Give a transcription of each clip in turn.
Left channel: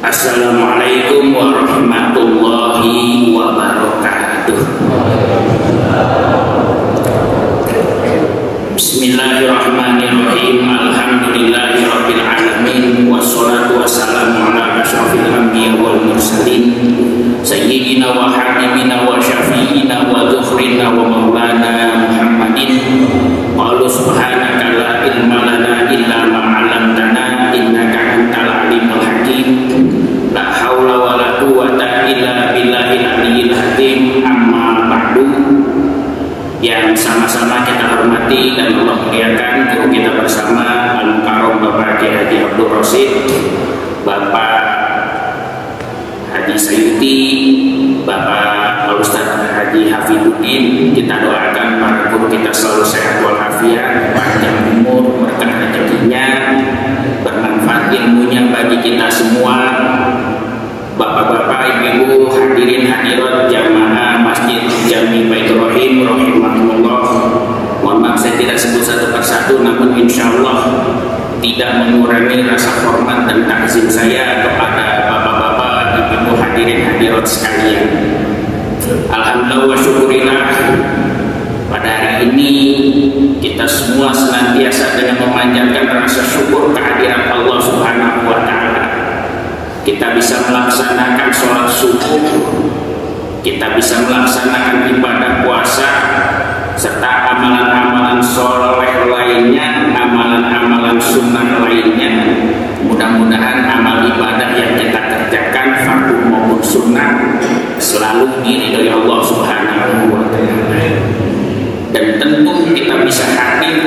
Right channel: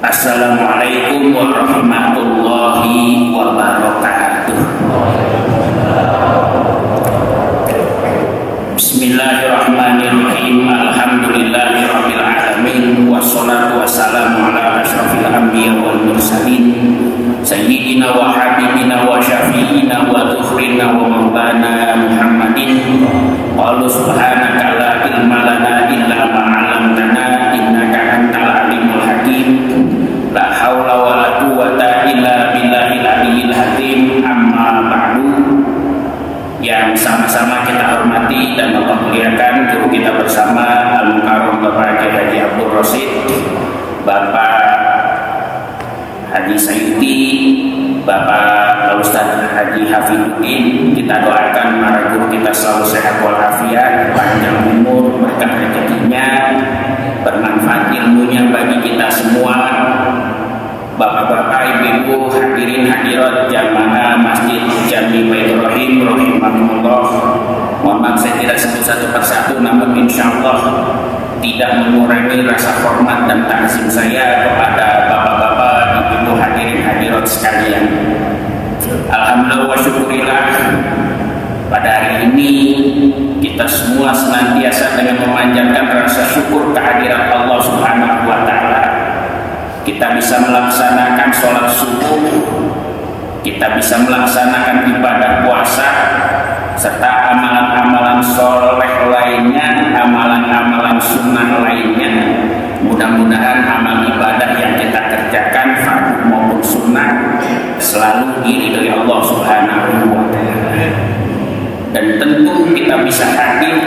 Assalamualaikum warahmatullahi wabarakatuh. Bismillahirrahmanirrahim. Alhamdulillahirabbil alamin wassalatu wassalamu ala asyrofil anbiya wal mursalin sayyidina wa habibina wa syafi'ina wa dzufrina wa maulana Muhammadin. Wa subhanaka la ilma lana illa ma 'allamtana innaka antal alimul hakim. La haula wala quwwata illa billahil aliyyil hakim. Amma ba'du. Yang sama-sama kita hormati dan Allah muliakan guru kita bersama Al-Mukarram Bapak Haji Abdul Rosid, Bapak Haji Sayuti, Bapak Al-Ustaz Haji Hafiduddin. Kita doakan para guru kita selalu sehat walafiat, panjang umur, berkah rezekinya, bermanfaat ilmunya bagi kita semua. Bapak-bapak, ibu-ibu, hadirin hadirat jamaah Masjid Jami Baitur Rahim rahimahumullah. Mohon maaf saya tidak sebut satu persatu, namun insya Allah tidak mengurangi rasa hormat dan takzim saya kepada bapak-bapak, ibu-ibu, hadirin hadirat sekalian. Alhamdulillah wa syukurillah, pada hari ini kita semua senantiasa dengan memanjatkan rasa syukur kehadiran Allah Subhanahu wa Ta'ala. Kita bisa melaksanakan sholat subuh, kita bisa melaksanakan ibadah puasa, serta amalan-amalan soleh lainnya, amalan-amalan sunnah lainnya. Mudah-mudahan amal ibadah yang kita kerjakan, fardu maupun sunnah, selalu diridhoi Allah Subhanahu wa Ta'ala. Dan tentu kita bisa hadir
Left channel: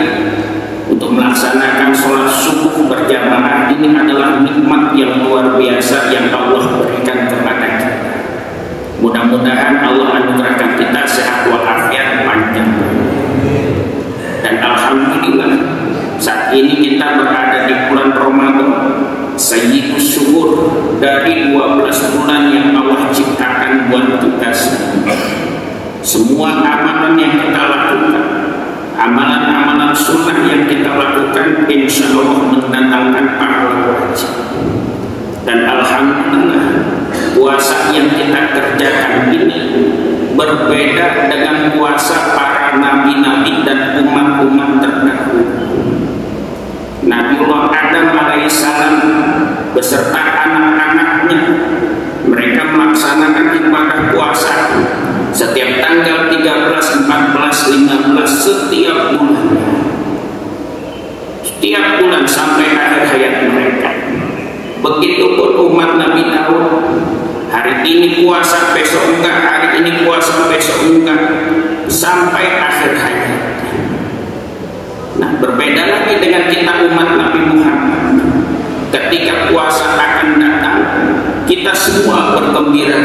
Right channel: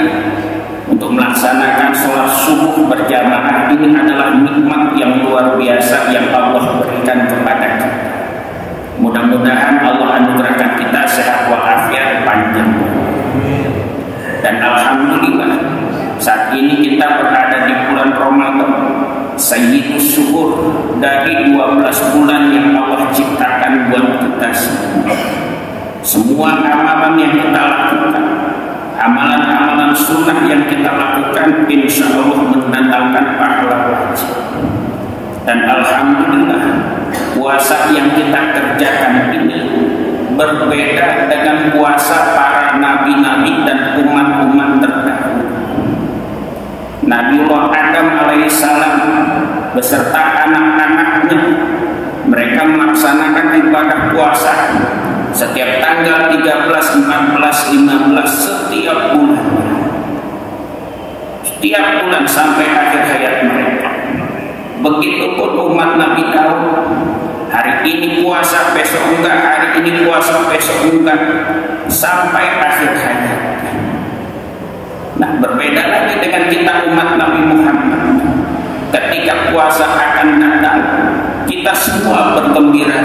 untuk melaksanakan sholat subuh berjamaah. Ini adalah nikmat yang luar biasa yang Allah berikan kepada kita. Mudah-mudahan Allah anugerahkan kita sehat walafiat panjang. Dan alhamdulillah saat ini kita berada di bulan Ramadan, sayyidus syuhur, dari 12 bulan yang Allah ciptakan buat kita semua. Semua amalan yang kita lakukan, amalan-amalan sunnah yang kita lakukan, insya Allah mendatangkan pahala wajib. Dan alhamdulillah puasa yang kita kerjakan ini berbeda dengan puasa para nabi-nabi dan umat-umat terdahulu. Nabiullah Adam alaihissalam beserta anak-anaknya, mereka melaksanakan ibadah puasa setiap tanggal 13, 14, 15 setiap bulan. Setiap bulan sampai akhir hayat mereka. Begitupun umat Nabi Daud, hari ini puasa, besok enggak, hari ini puasa, besok enggak, sampai akhir hayat. Nah, berbeda lagi dengan kita umat Nabi Muhammad. Ketika puasa akan datang, kita semua bergembira.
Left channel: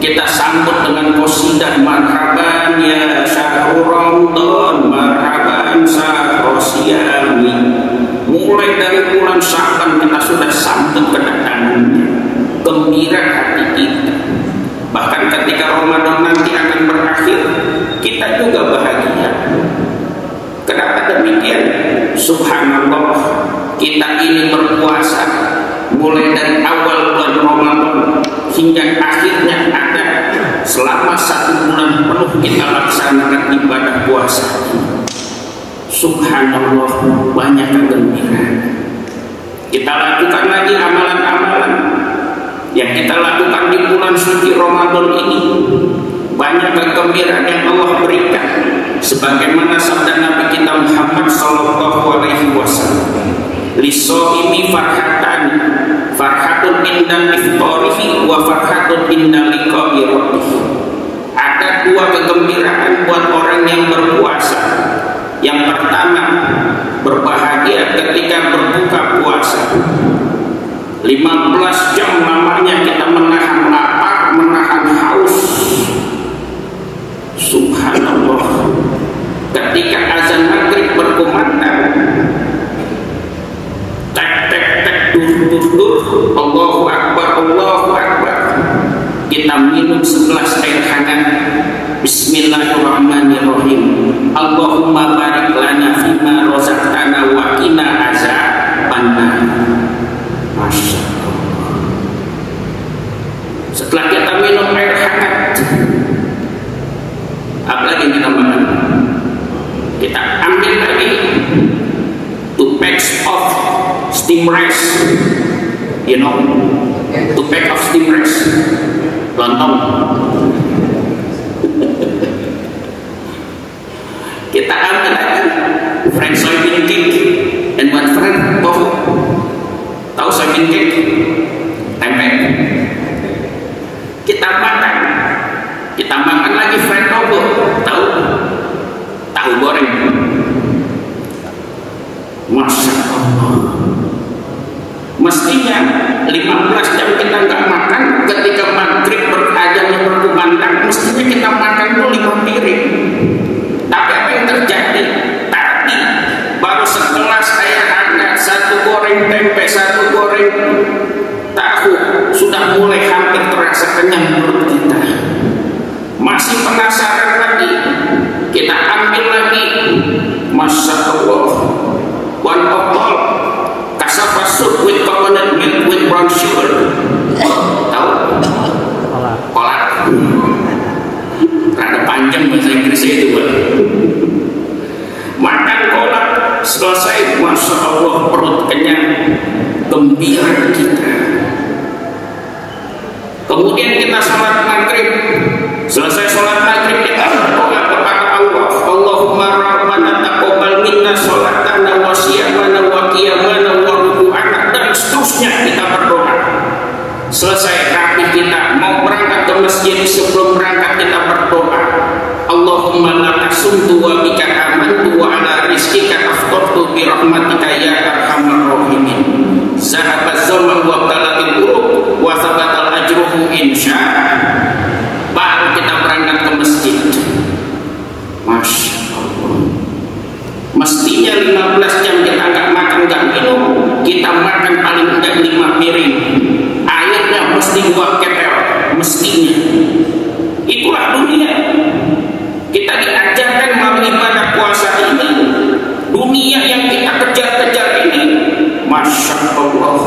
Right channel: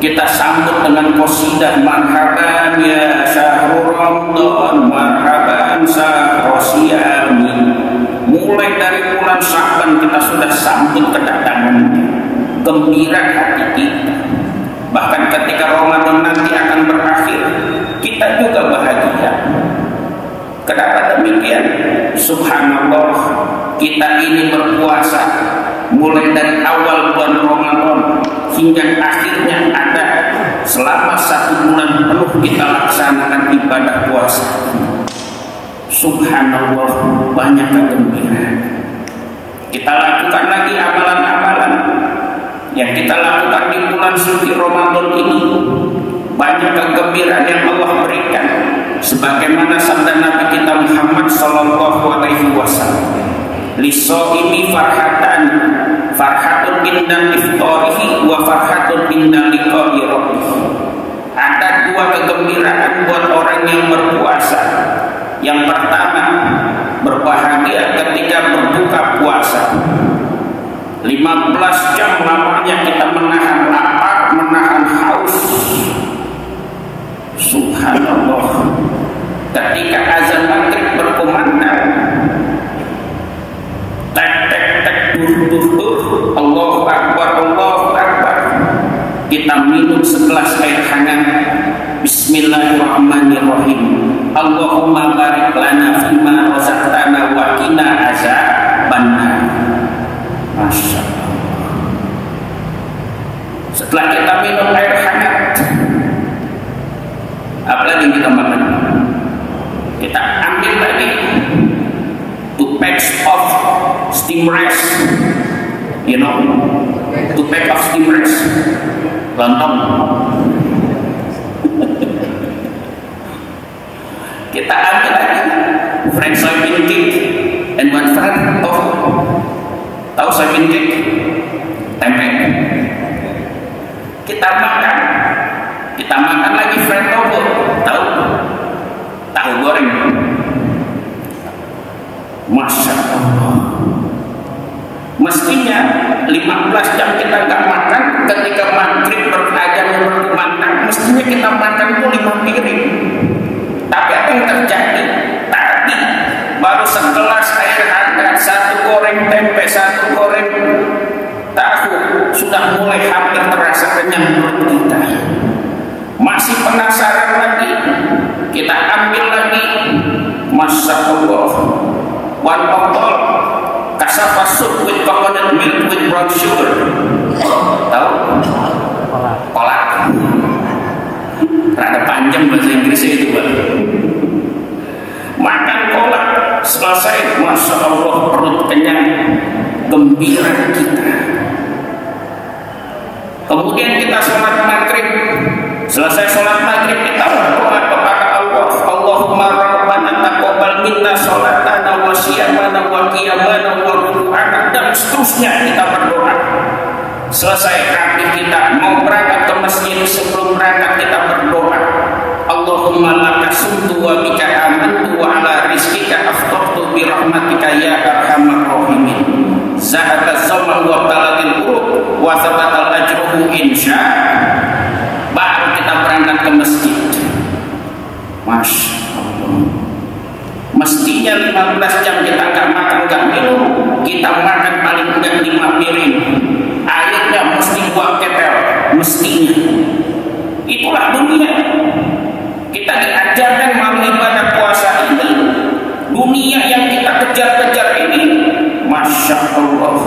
Kita sambut dengan qasidah marhaban ya syahrul Ramadan, marhaban syahrul siyami. Mulai dari bulan Sya'ban kita sudah sambut kedatangannya, gembira hati kita. Bahkan ketika Ramadan nanti akan berakhir, kita juga bahagia. Kenapa demikian? Subhanallah, kita ini berpuasa mulai dari awal bulan Ramadan hingga akhirnya ada selama 1 bulan penuh kita laksanakan ibadah puasa. Subhanallah, banyak kegembiraan. Kita lakukan lagi amalan-amalan yang kita lakukan di bulan suci Ramadan ini. Banyak kegembiraan yang Allah berikan, sebagaimana sabda Nabi kita Muhammad sallallahu alaihi wasallam, "Lisoimi farhatan, farhatun inda iftarihi wa farhatun inda liqa'i rabbih." Ada 2 kegembiraan buat orang yang berpuasa. Yang pertama, berbahagia ketika berbuka puasa. 15 jam lamanya kita menahan lapar, menahan haus. Subhanallah, ketika azan maghrib berkumandang, tek tek tek, dur, Allahu Akbar, Allahu Akbar, kita minum segelas air hangat. Bismillahirrahmanirrahim. Allahumma barik lana fima razaqtana wa qina azabannar. Masya Allah. Setelah kita minum air hangat, apalagi kita makan, kita ambil lagi 2 packs of steam rice, you know, 2 pack of steam rice, lontong. Kita ambil lagi fried soybean cake and 1 fried tofu. Tahu soybean cake? Tempe. Kita makan lagi fried tofu. Tahu goreng. Masya Allah. Mestinya 15 jam kita nggak makan, ketika maghrib berajang berkumandang, mestinya kita makan tuh 5 piring. Tapi apa yang terjadi? Tadi baru segelas air hangat, 1 goreng tempe, 1 goreng tahu, sudah mulai hampir terasa kenyang perut kita. Masih penasaran lagi, kita ambil lagi, Masya Allah, 1 botol cassava soup with coconut milk with brown sugar. Tahu? Kolak. Rada panjang bahasa Inggrisnya itu, Bang. Makan kolak selesai, Masya Allah, perut kenyang, gembira kita. Kemudian kita sholat maghrib. Selesai sholat maghrib kita berdoa kepada Allah, Allahumma rabbana taqabbal minna sholatana wa siyamana wa qiyamana wa ruku'ana, dan seterusnya kita berdoa. Selesai rapi kita mau berangkat ke masjid, sebelum berangkat kita berdoa, Allahumma laka sumtu wa bika amantu wa ala rizqika aftartu bi rahmatika ya arhamar rahimin. Zahabat zaman wa talatil uruk wa thabatal ajruhu insya. Baru kita berangkat ke masjid. Masya Allah. Mestinya 15 jam kita nggak makan nggak minum, kita makan paling enggak 5 piring. Airnya mesti 2 ketel, mestinya. Itulah dunia. Kita diajarkan melalui ibadah puasa ini, dunia yang kita kejar-kejar ini, Masya Allah,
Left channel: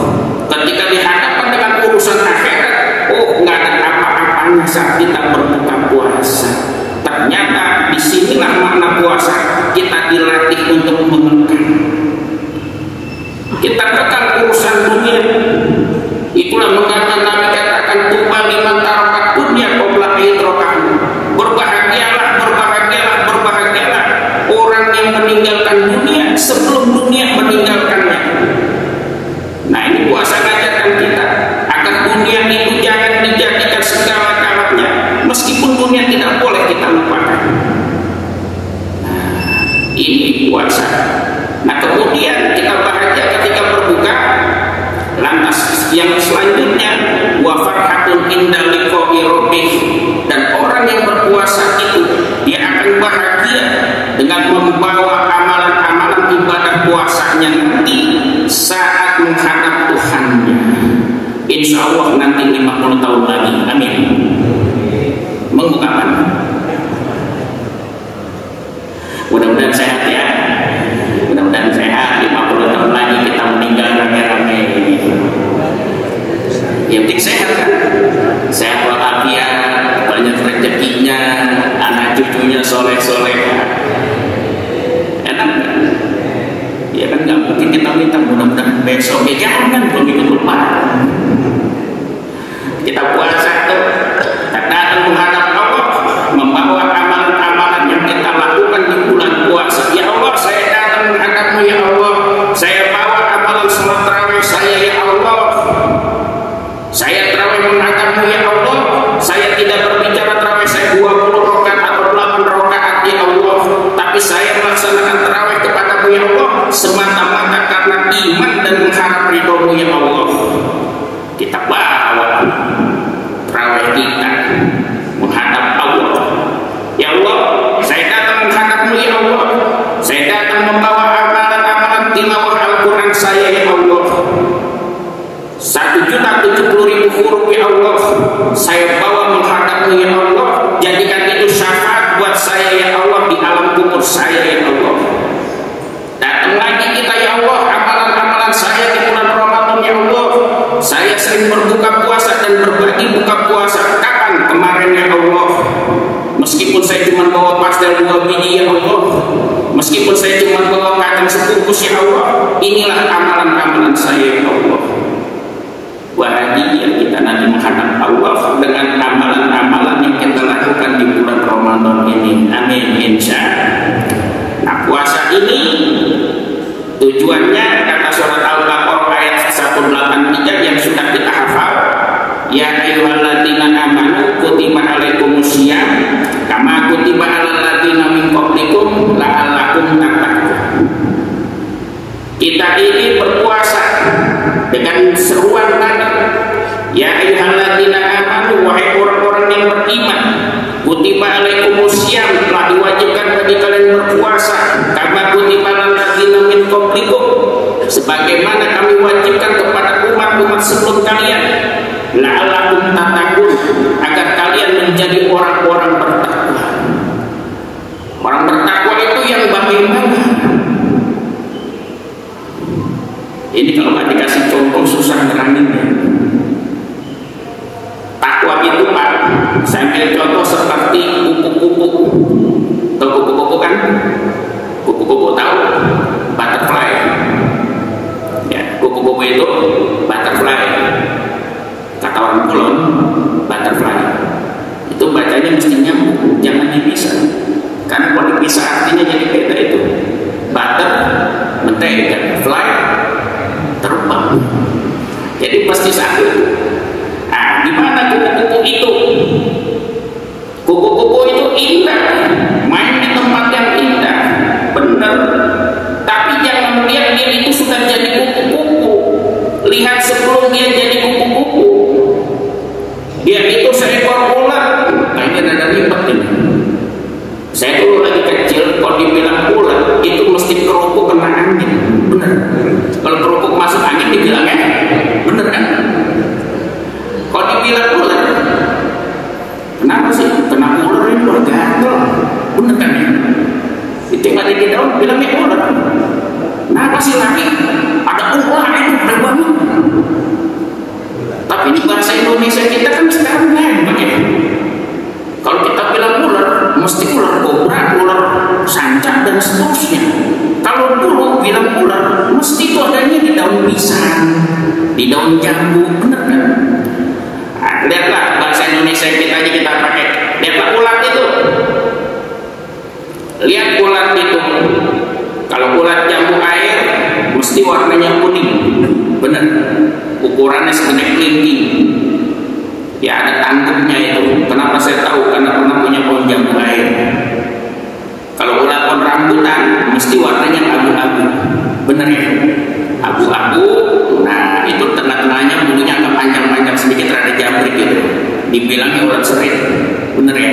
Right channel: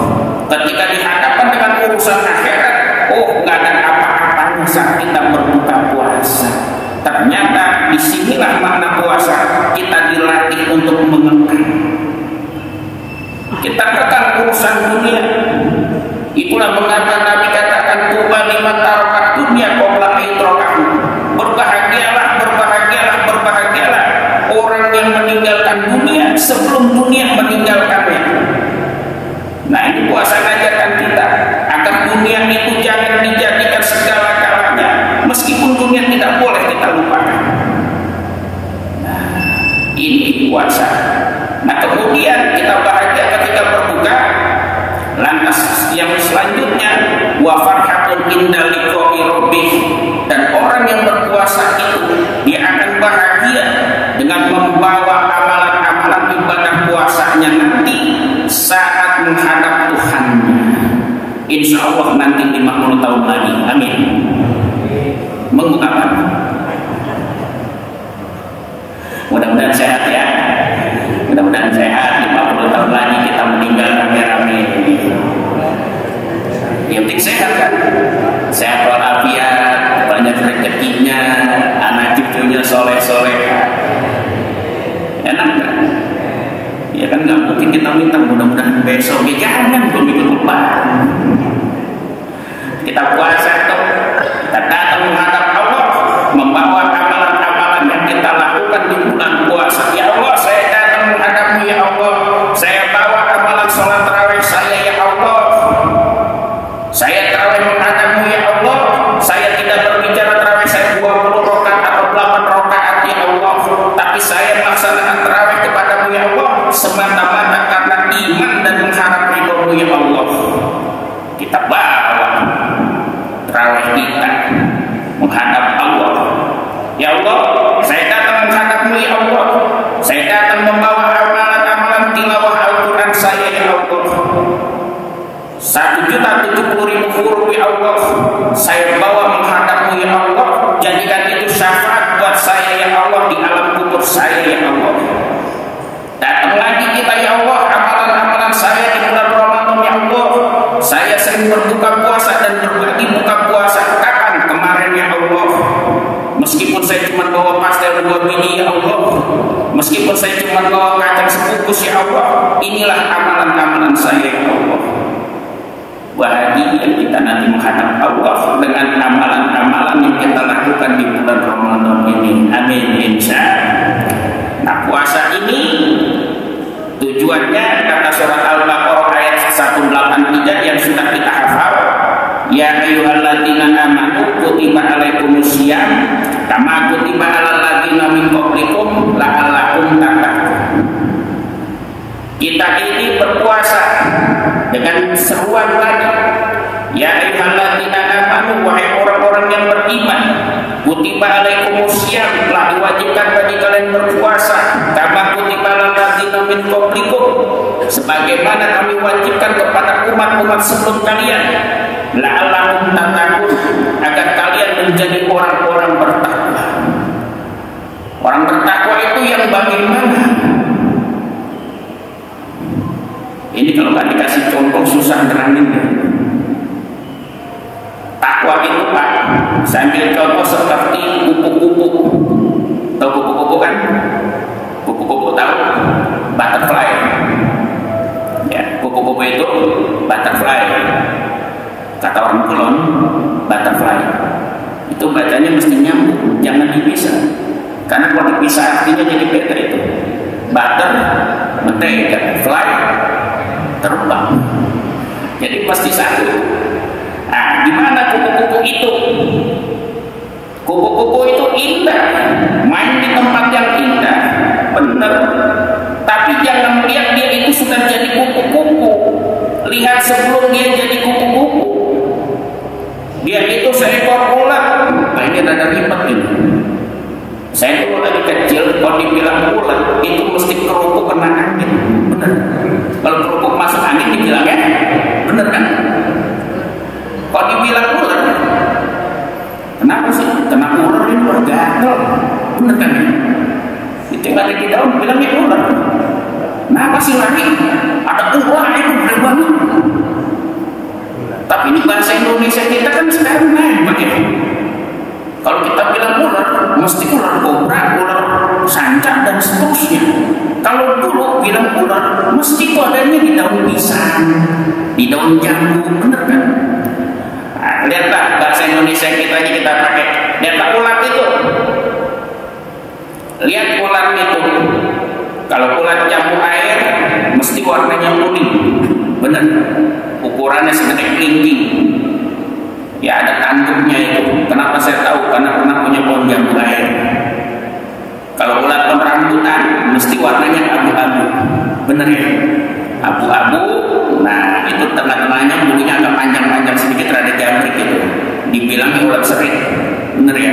ketika dihadapkan dengan urusan akhirat, nggak ada apa-apanya saat kita berbuka puasa. Ternyata disinilah makna puasa, kita dilatih untuk memegang. Kita kekang urusan dunia. Itulah mengapa Nabi katakan tuba liman tarakat dunya qabla idrakahu. Berbahagialah orang yang meninggalkan dunia sebelum dunia meninggalkannya. Nah, ini puasa ngajarkan kita agar dunia itu jangan dijadikan segala-galanya, meskipun dunia tidak boleh kita lupakan. Nah, ini puasa. Nah, kemudian kita bahagia ketika berbuka. Lantas yang selanjutnya, wa farhatun inda liqa'i rabbih, dan orang yang berpuasa itu dia akan bahagia dengan membawa amalan-amalan ibadah puasanya nanti saat menghadap Tuhannya. Insya Allah nanti 50 tahun lagi. Amin. Mengapa? Mudah-mudahan sehat ya. Mudah-mudahan sehat. 50 tahun lagi kita meninggal rame-rame. Yang penting sehat kan? Sehat walafiat, banyak rezekinya, anak cucunya soleh-soleh. Enak kan? Ya kan nggak mungkin kita minta mudah-mudahan besok ya jangan begitu lupa. Kita puasa tuh, datang menghadap Allah, membawa amalan-amalan yang kita lakukan di bulan puasa. Ya Allah, saya datang menghadapmu ya Allah. Saya bawa amalan sholat tarawih saya ya Allah. Saya tarawih menghadapmu ya Allah. Saya tidak berbicara tarawih saya 20 rakaat atau 8 rakaat ya Allah. Tapi saya melaksanakan tarawih kepadamu ya Allah semata-mata karena iman dan mengharap ridhomu ya Allah. Kita bawa tarawih kita menghadap Allah. Ya Allah, saya datang menghadapmu ya Allah. Saya datang membawa amalan-amalan tilawah Al-Quran saya ya Allah. 1.070.000 huruf ya Allah. Saya bawa menghadapmu ya Allah. Jadikan itu syafaat buat saya ya Allah di alam kubur saya ya Allah. Datang lagi kita ya Allah, amalan-amalan saya di bulan Ramadan ya Allah. Saya sering berbuka puasa dan berbagi buka puasa Meskipun saya cuma bawa kacang sebungkus, ya Allah, inilah amalan-amalan saya, ya Allah. Bahagia kita nanti menghadap Allah dengan amalan-amalan yang kita lakukan di bulan Ramadan ini. Amin, insya Allah. Nah, puasa ini tujuannya kata surat Al-Baqarah ayat 183 yang sudah kita hafal, ya ayyuhalladzina amanu kutiba alaikumusiyam kama kutiba alal ladzina min qablikum la'allakum tattaqun. Kita ini berpuasa dengan seruan tadi, ya ayyuhalladzina amanu, wahai orang-orang yang beriman, kutiba alaikumusiyam, telah diwajibkan bagi kalian berpuasa, kama kutiba alal ladzina min qablikum, sebagaimana kami wajibkan kepada umat-umat sebelum kalian, la'allakum tattaqun, agar kalian menjadi orang-orang bertakwa. Orang bertakwa itu yang bagaimana? Ini kalau nggak dikasih contoh susah terangin. Takwa itu Pak, saya ambil contoh seperti kupu-kupu. Tahu kupu-kupu kan? Kupu-kupu tahu? Butterfly. Ya, kupu-kupu itu butterfly. Kata orang Kulon, butterfly. Itu bacanya mesti nyambung, jangan dipisah. Karena kalau dipisah artinya jadi beda itu. Butter, mentega, fly, terbang. Jadi pasti satu. Nah, gimana kupu-kupu itu? Kupu-kupu itu indah, main di tempat yang indah, benar. Tapi jangan melihat dia itu sudah jadi kupu-kupu. Lihat sebelum dia jadi kupu-kupu, dia itu seekor ular. Kayaknya ada ribet ini. Saya dulu lagi kecil, kalau dibilang ular itu mesti kerupuk kena angin, bener. Kalau kerupuk masuk angin dibilangnya bener kan? Kalau dibilang ular, kenapa sih? Kena ular ini ular gatel, bener kan? Ditinggal di daun bilangnya ular. Kenapa sih lagi? Ada ular itu bener banget. Tapi di bahasa Indonesia kita kan sekarang hebat ya. Kalau kita bilang ular, mesti ular kobra, ular sanca dan seterusnya. Kalau dulu bilang ular, mesti itu adanya di daun pisang, di daun jambu, benar kan? Nah, lihatlah bahasa Indonesia kita aja kita pakai. Lihatlah ulat itu. Lihat ulat itu. Kalau ulat jambu air, mesti warnanya kuning, benar. Ukurannya segede kelingking. Ya ada tanduknya itu. Kenapa saya tahu? Karena pernah punya pohon jambu air. Kalau ulat rambutan mesti warnanya abu-abu, bener ya? Abu-abu. Nah itu tengah-tengahnya bulunya agak panjang-panjang sedikit, rada jambrik gitu. Dibilangnya ulat serit, bener ya?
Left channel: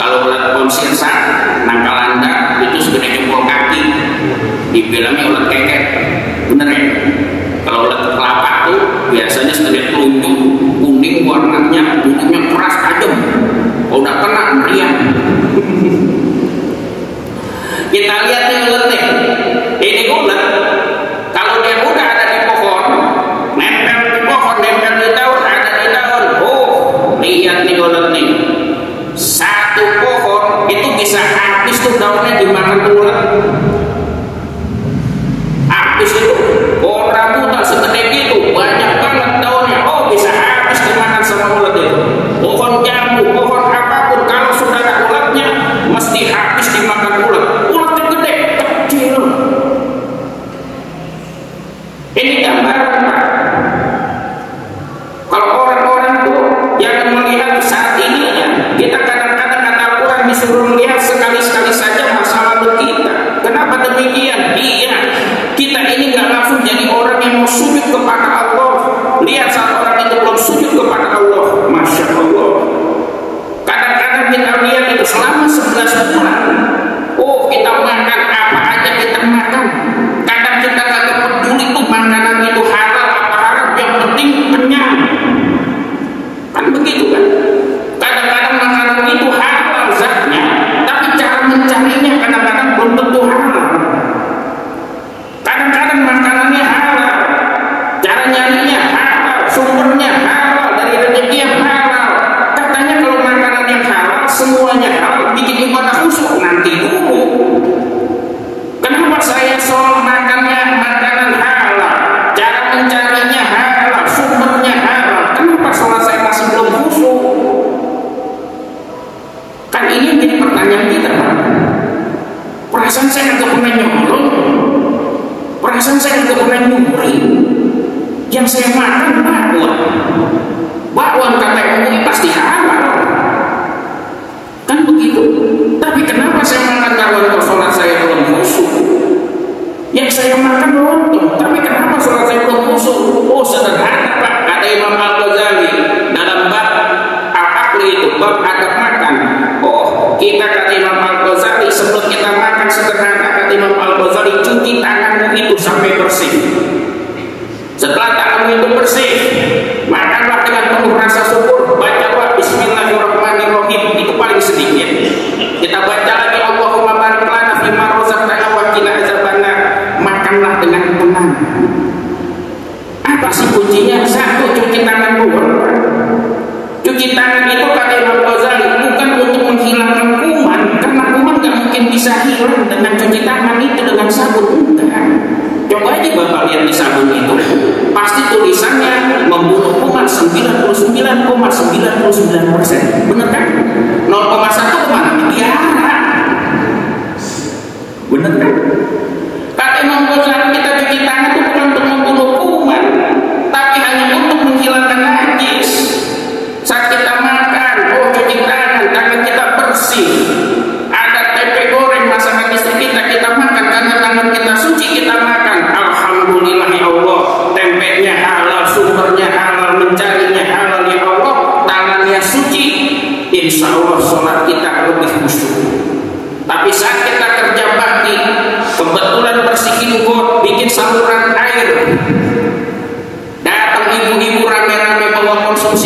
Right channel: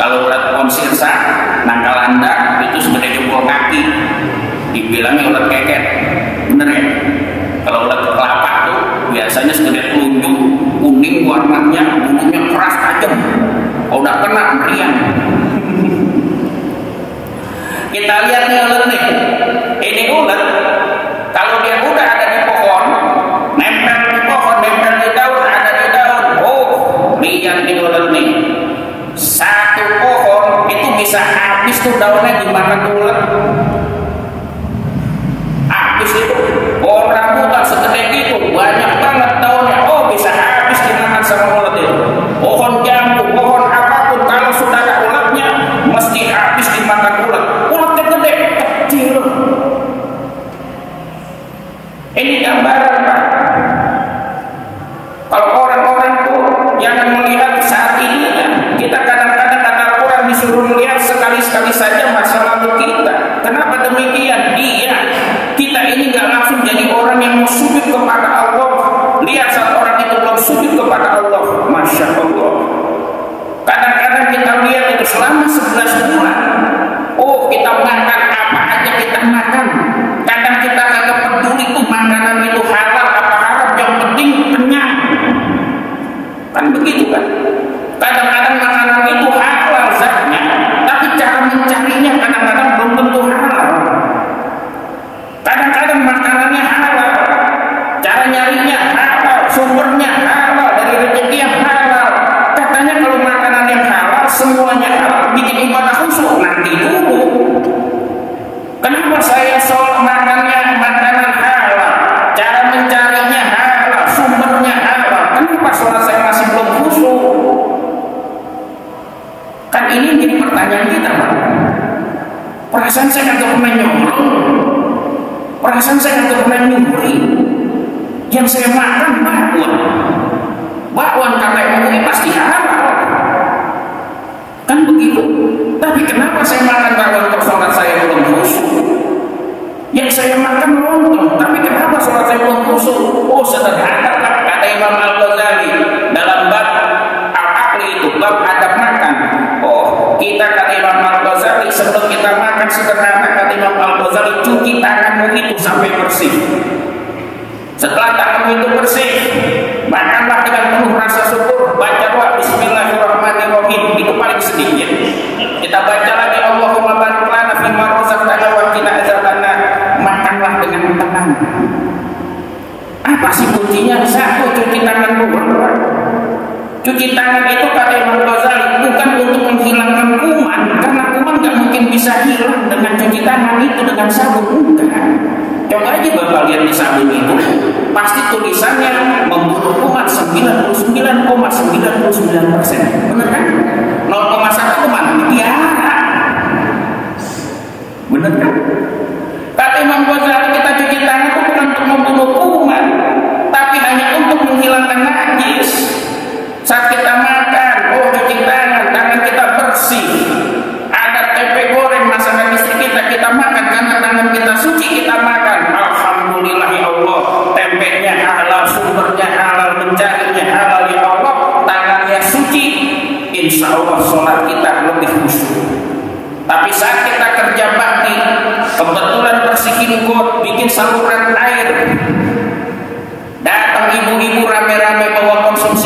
Kalau ulat pohon sirsa, nangkalanda itu segede jempol kaki, dibilangnya ulat keket, bener ya? Kalau ulat kelapa tuh biasanya segede telunjuk, kuning warnanya, bulunya keras tajam. Kalau udah kena meriang. Kita lihat nih ulat nih. Ini ulat, kalau dia udah ada di pohon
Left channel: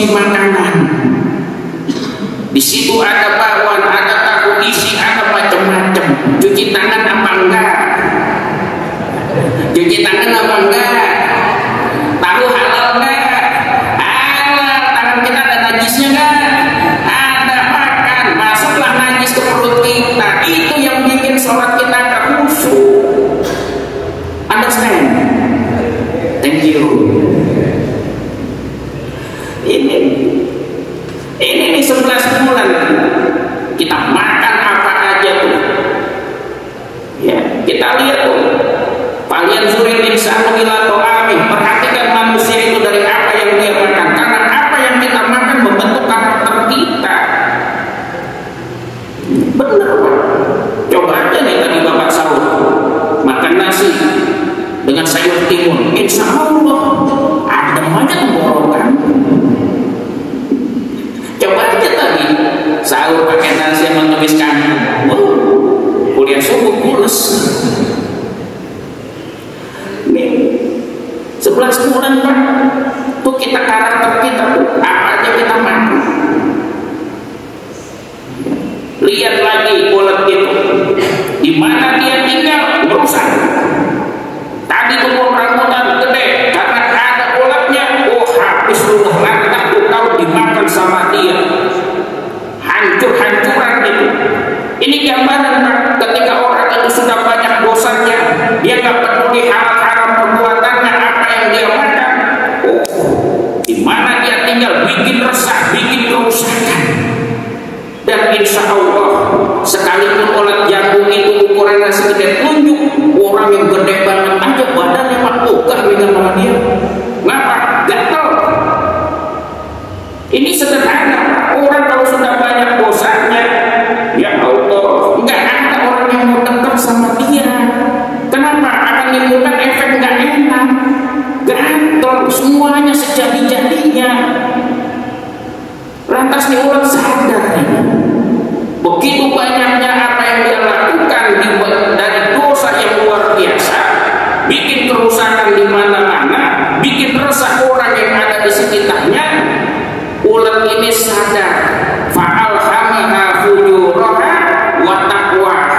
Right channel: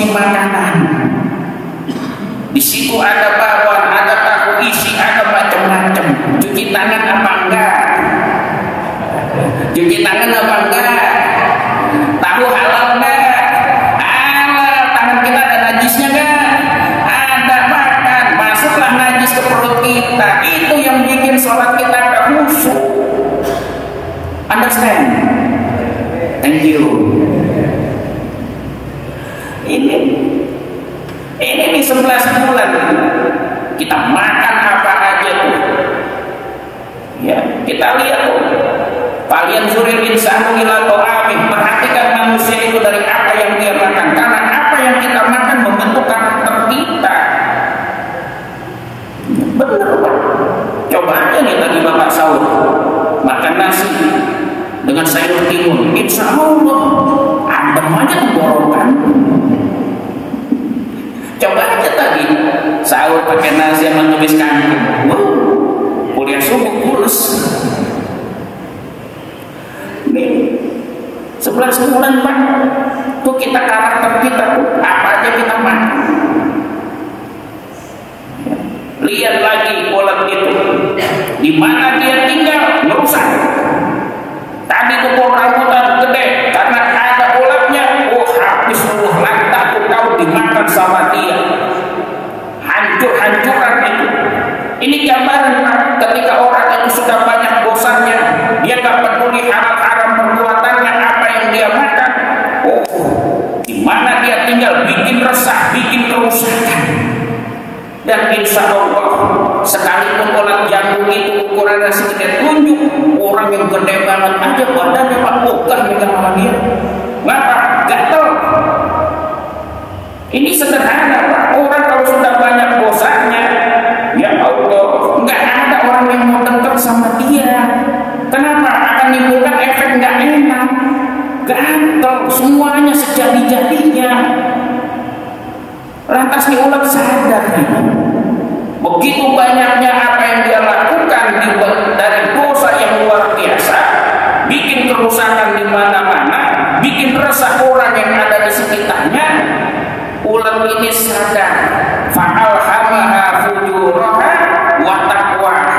konsumsi makanan. Di situ ada bawang, ada tahu isi, ada macam-macam. Cuci tangan apa enggak? Cuci tangan apa enggak? Tahu halal enggak? Halal. Tangan kita ada najisnya enggak? Ada. Makan, masuklah najis ke perut kita. Itu yang bikin sholat kita tak khusyuk. Understand? Thank you. Ini 11 bulan kita makan apa aja tuh. Ya, kita lihat tuh. Kalian suri insanu ila ta'ami. Perhatikan manusia itu dari apa yang dia makan. Karena apa yang kita makan membentuk karakter kita. Benar. Coba aja nih tadi Bapak sahur makan nasi dengan sayur timun. Insya Allah adem aja tenggorokan. Coba aja tadi sahur pakai nasi yang menuliskan kuliah subuh kurus. Nih 11 bulan Pak, tuh kita karakter kita apa aja kita makan. Lihat lagi ulat itu, di mana dia tinggal nggak usah. Tadi tuh rambutan gede karena ada ulatnya, habis ulat mantap kau dimakan sama dia, hancur-hancuran itu. Ini gambaran ketika orang itu sudah banyak dosannya, dia nggak peduli haram perbuatannya, apa yang dia makan. Di mana dia tinggal bikin resah, bikin kerusakan. Dan insya Allah sekalipun ulat jantung itu ukurannya segede telunjuk, orang yang gede banget aja badannya ogah megang sama dia. Ngapa? Gatel. Ini sederhana. Orang kalau sudah banyak dosanya, ya Allah, nggak ada orang yang mau dekat sama dia. Kenapa? Akan menimbulkan efek nggak enak. Gatel, semuanya sejadi-jadinya. Lantas nih ulat sadar ya. Begitu banyaknya apa yang dia lakukan dari dosa yang luar biasa, bikin kerusakan di mana-mana, bikin resah orang yang ada di sekitarnya. Ulat ini sadar, fa'alhamaha fujuraha wa taqwaha.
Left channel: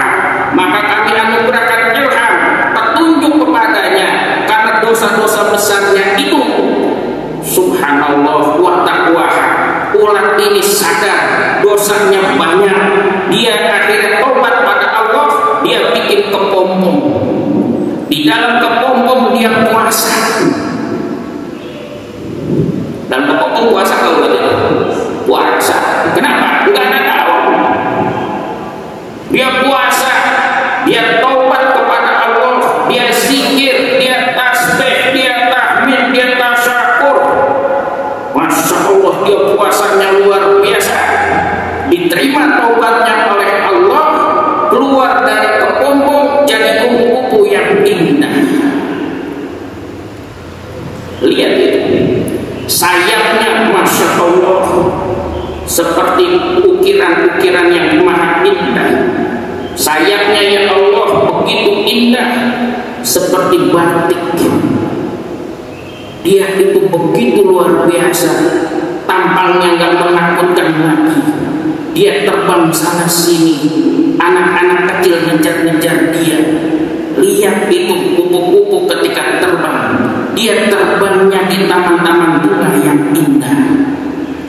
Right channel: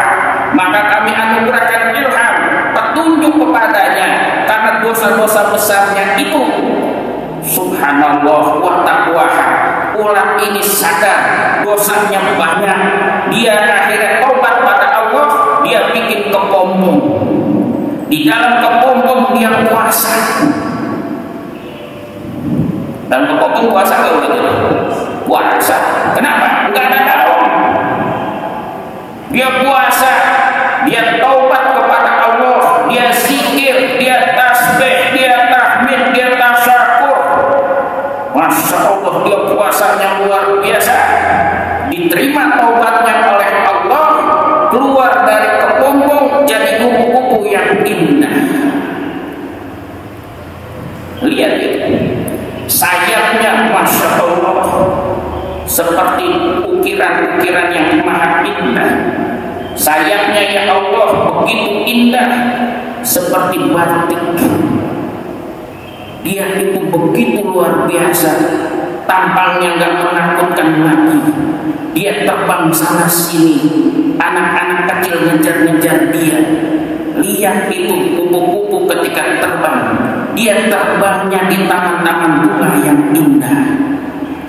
Maka kami anugerahkan ilham, petunjuk kepadanya karena dosa-dosa besarnya itu. Subhanallah wa taqwaha. Ulat ini sadar dosanya banyak, dia akhirnya tobat pada Allah, dia bikin kepompong. Di dalam kepompong dia puasa. Dan kepompong puasa kalau begitu puasa. Kenapa? Enggak ada tahu. Dia puasa, dia tobat kepada Allah, dia zikir, dia tasbih, dia tahmid, dia tasyakur. Masya Allah, dia puasanya luar biasa. Diterima taubatnya oleh Allah, keluar dari kepompong jadi kupu-kupu yang indah. Lihat itu, sayapnya Masya Allah seperti ukiran-ukiran yang maha indah. Sayapnya ya Allah begitu indah seperti batik. Dia itu begitu luar biasa, tampangnya gak menakutkan lagi. Dia terbang sana sini, anak-anak kecil ngejar-ngejar dia. Lihat itu kupu-kupu ketika terbang, dia terbangnya di taman-taman bunga yang indah.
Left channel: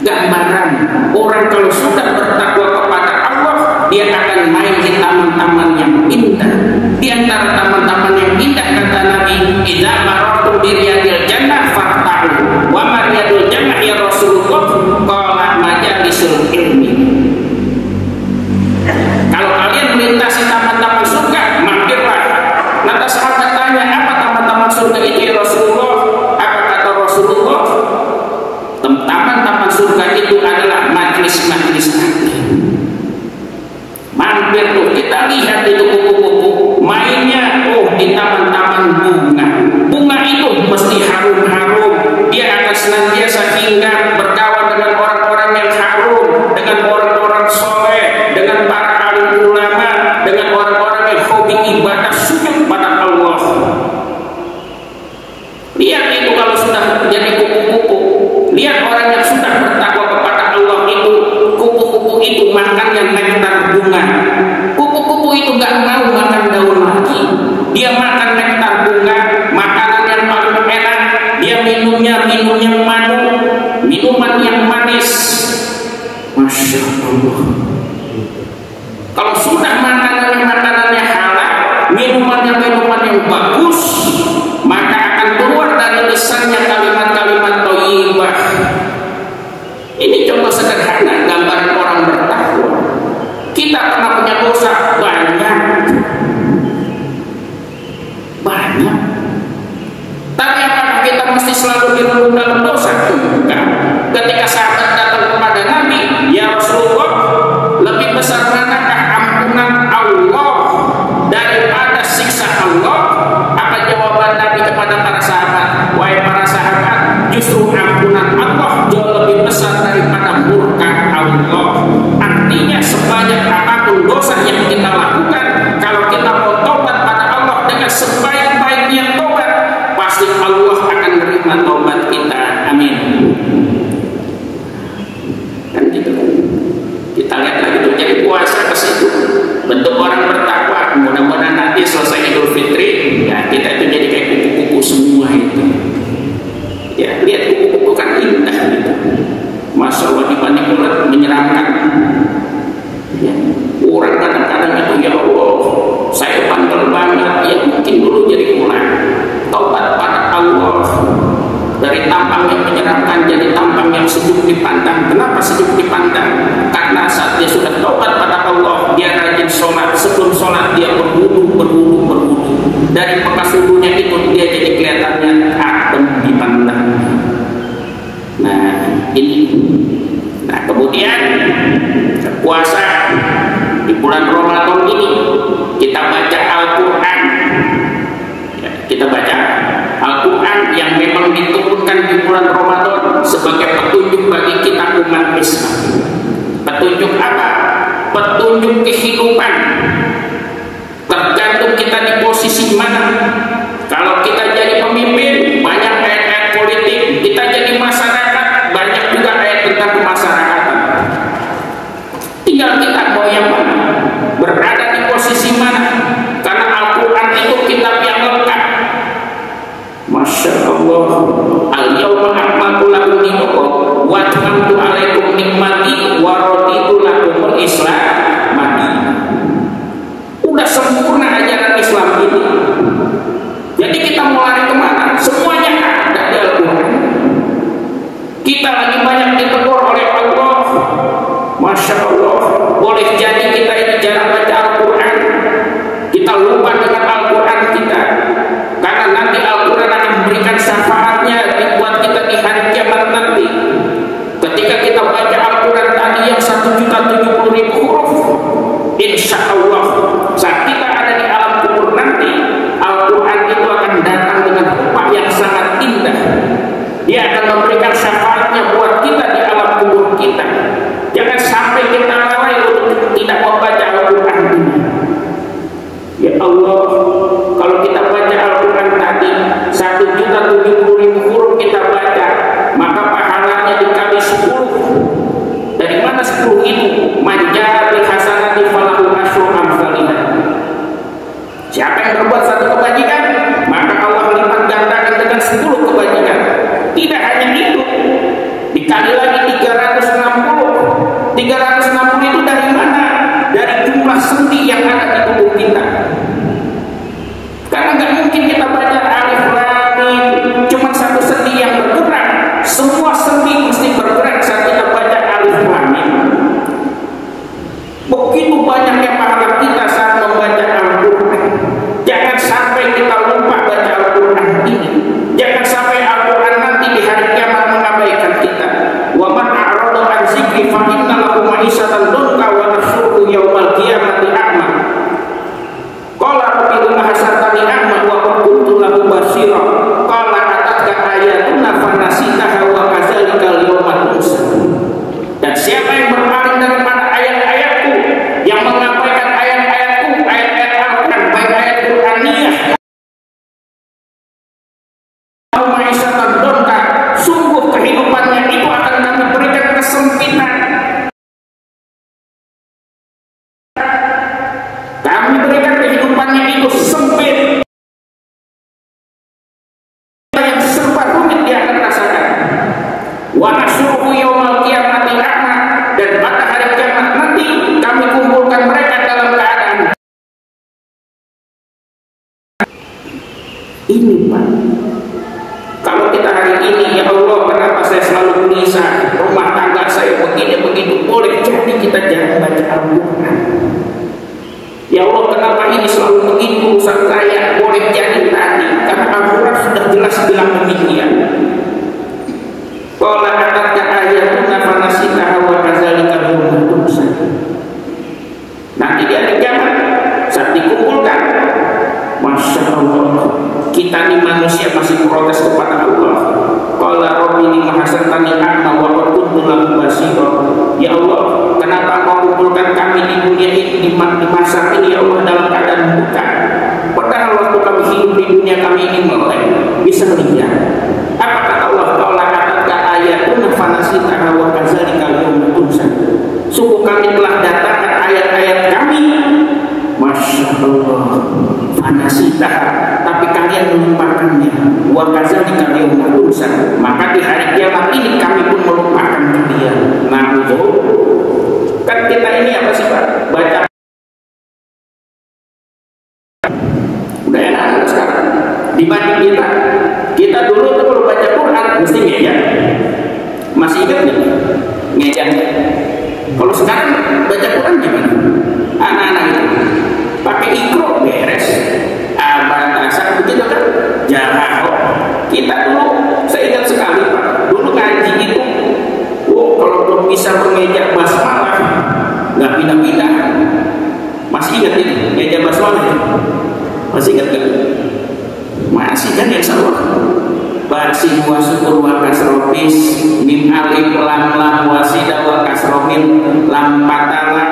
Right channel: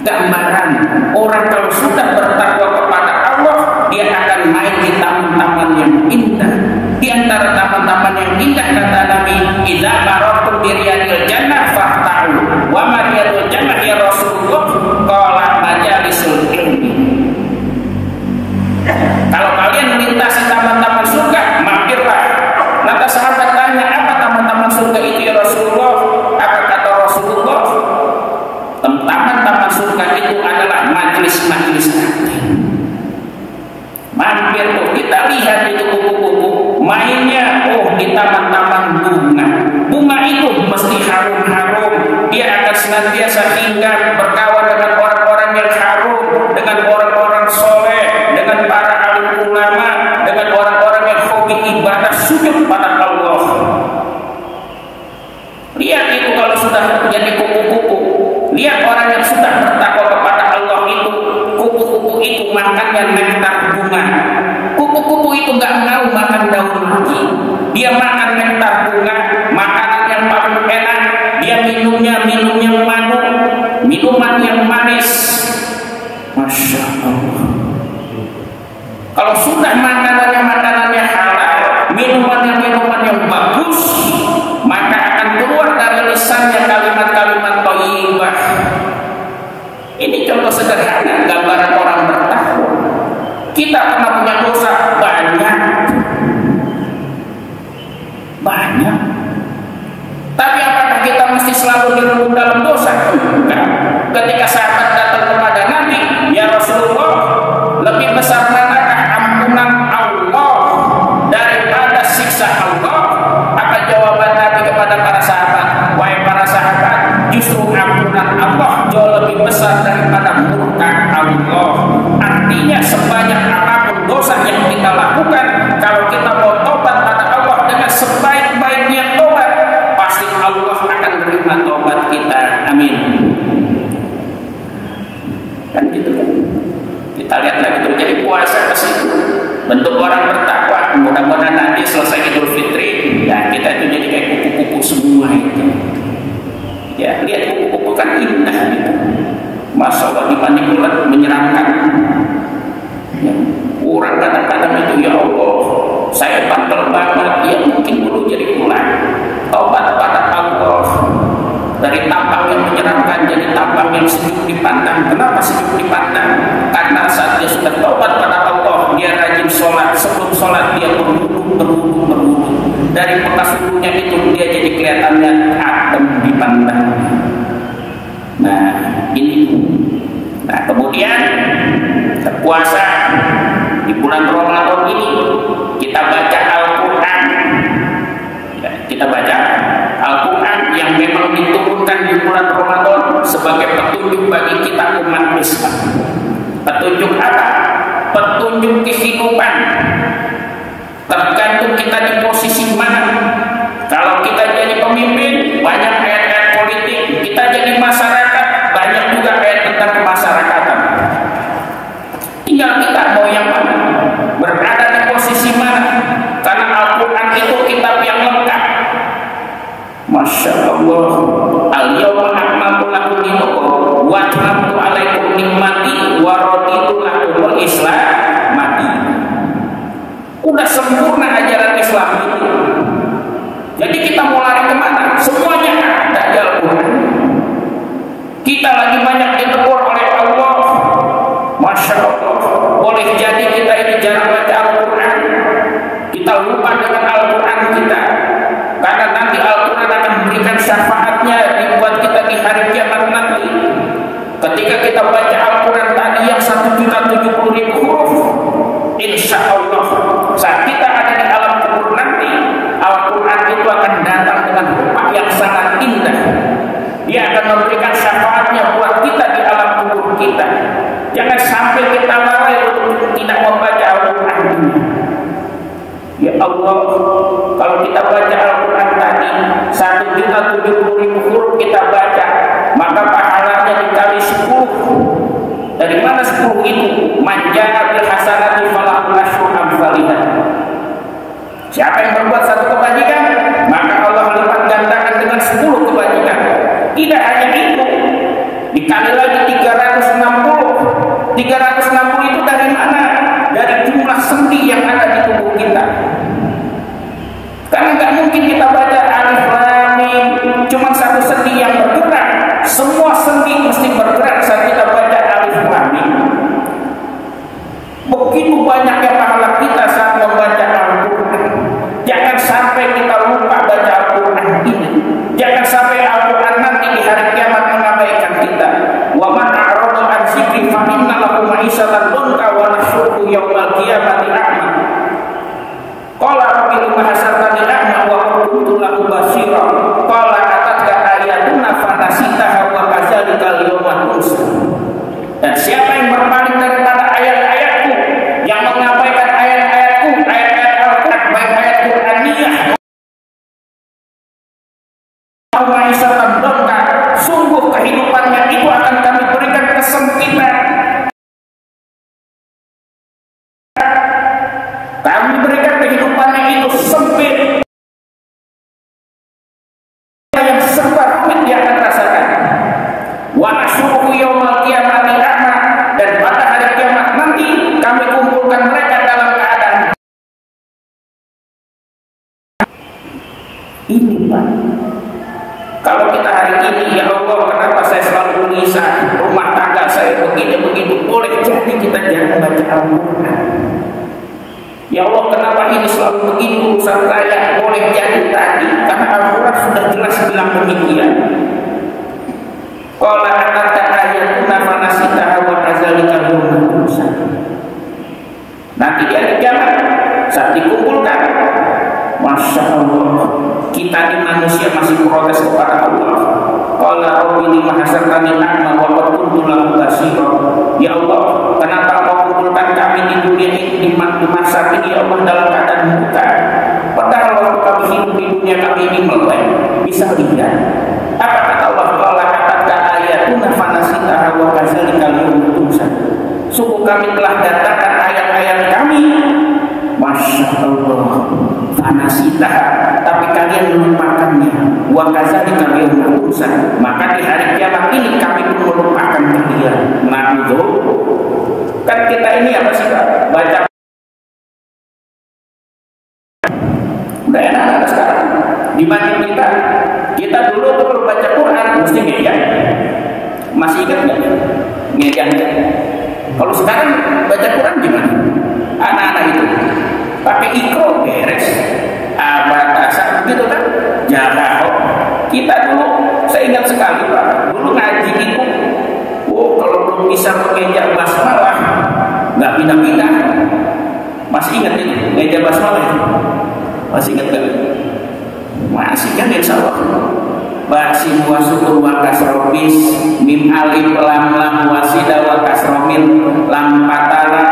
Gambaran orang kalau sudah bertakwa kepada Allah, dia akan main di taman-taman yang indah. Di antara taman-taman yang indah kata Nabi, idza marartum bi riyadil jannah fahta'u wa ma riyadul jannah ya Rasulullah qala majalisul ilmi. Kalau kalian melintasi taman-taman surga, mampirlah. Lantas sahabat tanya, apa taman-taman surga itu ya Rasulullah? Apa kata Rasulullah? Taman-taman surga itu adalah majlis-majlis taklim. Mampir tuh, kita lihat itu kupu-kupu mainnya, di taman-taman bunga. Bunga itu mesti harum-harum. Dia akan senantiasa hinggap berkawan dengan orang-orang yang harum, dengan orang-orang soleh, dengan para alim ulama, dengan orang-orang yang hobi ibadah sujud pada Allah. Lihat itu kalau sudah jadi kupu-kupu. Lihat orang yang sudah minuman yang manis. Masya Allah. Kalau sudah makanannya halal, minuman yang bagus, maka akan keluar dari lisannya kalimat-kalimat thayyibah. Ini contoh sederhana gambaran orang bertakwa. Kita pernah punya dosa banyak. Tapi apakah kita mesti selalu dirundung dalam dosa? Enggak. Ketika sahabat datang kepada Nabi, ya Rasulullah, lebih besar manakah ampunan Allah daripada siksa Allah? Apa jawaban Nabi kepada para sahabat? Wahai para sahabat, justru ampunan Allah jauh lebih besar daripada murka Allah. Artinya sebanyak apapun dosa yang kita lakukan, kalau kita mau tobat pada Allah dengan sebaik-baiknya tobat, pasti Allah akan menerima tobat kita. Amin. Kan gitu kan. Kita lihat lagi terjadi puasa ke situ. Bentuk orang bertakwa. Mudah-mudahan nanti selesai Idul Fitri, ya kita itu jadi kayak kupu-kupu semua itu. Ya, lihat kupu-kupu kan indah gitu. Masya Allah, dibanding ular menyeramkan. Ya, orang kadang-kadang itu, ya Allah, saya bandel banget. Ya mungkin dulu jadi ular. Tobat pada Allah. Dari tampang yang menyeramkan jadi tampang yang sejuk dipandang. Kenapa sejuk dipandang? Karena saat dia sudah tobat pada Allah, dia rajin sholat. Sebelum sholat dia berwudu. Dari bekas wudunya itu dia jadi kelihatannya adem dipandang. Nah ini. Nah kemudian puasa di bulan Ramadan ini kita baca Al-Quran. Ya, kita baca Al-Quran yang memang diturunkan di bulan Ramadan sebagai petunjuk bagi kita umat Islam. Petunjuk apa? Petunjuk kehidupan. Tergantung kita di posisi mana. Kalau kita jadi pemimpin, banyak ayat-ayat politik. Kita jadi masyarakat, banyak juga ayat tentang kemasyarakatan. Tinggal kita mau yang mana, berada di posisi mana. Karena Al-Quran itu kitab yang lengkap. Masya Allah. Al-yawma akmaltu lakum dinakum wa atmamtu alaikum nikmati wa raditu lakumul Islam. Udah sempurna ajaran Islam ini. Jadi kita mau lari kemana? Semuanya ada di Al-Quran. Kita lagi banyak ditegur oleh Allah. Masya Allah. Boleh jadi kita ini jarang baca Al-Quran. Kita lupa dengan Al-Quran kita. Karena nanti Al-Quran akan memberikan syafaatnya buat kita di hari kiamat nanti. Ketika kita baca Al-Quran tadi yang 1.070.000 huruf, insya Allah saat kita ada di alam kubur nanti, Al-Quran itu akan datang dengan rupa yang sangat indah. Dia akan memberikan syafaatnya buat kita di alam kubur kita. Jangan sampai kita lalai untuk tidak membaca Al-Quran ini. Ya Allah, kalau kita baca Al-Quran tadi 1.070.000 huruf kita baca, maka pahalanya dikali 10. Dari mana 10 itu? Manja'a bil hasanati falahu asyru amsalihha. Siapa yang berbuat satu kebajikan, maka Allah lipat gandakan dengan 10 kebajikan. Tidak hanya itu, dikali lagi 360. 360 itu dari mana? Dari jumlah sendi yang ada di tubuh kita. Karena nggak mungkin kita baca alif lam mim cuma satu sendi yang bergerak. Semua sendi mesti bergerak saat kita baca alif lam mim. Begitu banyaknya pahala kita saat membaca Al-Quran. Jangan sampai kita lupa baca Al-Quran ini. Jangan sampai Al-Quran nanti di hari kiamat mengabaikan kita. Wa man a'rada an dzikri fa inna lahu ma'isyatan dhanka wa nahsyuruhu yaumal qiyamati a'ma. Qala rabbi lima hasartani a'ma wa qad kuntu lahu basira. Qala atatka ayatuna fanasitaha wa kadzalika al-yawma tunsa. Dan siapa yang berpaling daripada ayat-ayatku, yang mengabaikan ayat-ayatku, ayat-ayat Al-Quran, baik ayat Quraniyah, sungguh kehidupannya itu akan kami berikan kesempitan. nikmat-nikmat saat ini ya Allah dalam keadaan bukan. Padahal waktu kami hidup di dunia kami ini melek, bisa lihat. Apa kata Allah? Qala kata ayatuna fanasitaha wa kadzalika al-yawma tunsa. Sungguh kami telah datangkan ayat-ayat kami. Masya Allah, fanasitaha, tapi kalian melupakannya. Wa kadzalika al-yawma tunsa. Maka di hari kiamat ini kami pun melupakan kalian. Kan kita ini apa sih Pak? Baca udah enak sekarang dibanding kita dulu tuh baca Quran mesti ngejan, masih ingat nggak ngejan? Kalau sekarang baca Quran gimana? Anak-anak itu pakai ikro beres, abadasa begitu kan? Jauh. Kita dulu saya ingat sekali Pak, dulu ngaji itu kalau belum bisa mengeja basmalah nggak pindah-pindah. Masih ingat ini meja basmalah? Masih ingat gak? Masih kan ya Allah. Basi wa syukur wa kasrobis mim alif lam lam wasida wa kasrobin lam patala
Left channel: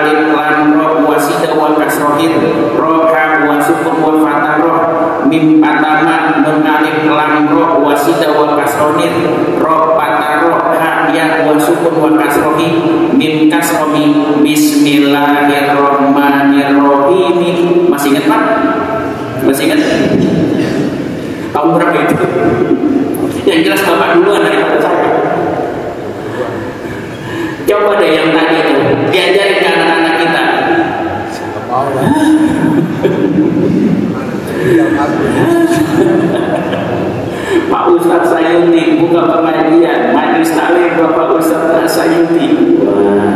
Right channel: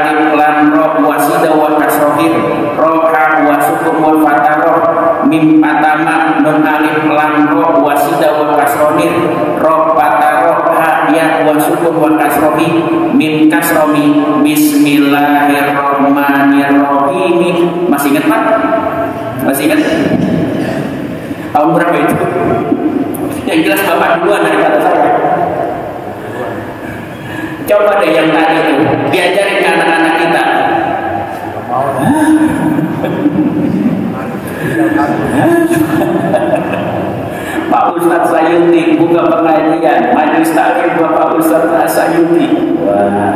alif lam roh wasida wa kasrobin roha wa syukur wa fataroh mim patama nun alif lam roh wasida wa kasrobin roh pataroh ya wa syukur wa kasrobin mim kasrobin bismillahirrahmanirrahim. Masih ingat Pak? Masih ingat? Tahun berapa itu? Yang jelas Bapak duluan daripada saya. Coba deh yang tadi itu diajarin ke anak-anak kita. Pak Ustadz Sayuti buka pengajian majelis taklim Bapak Ustadz Sayuti. Wah,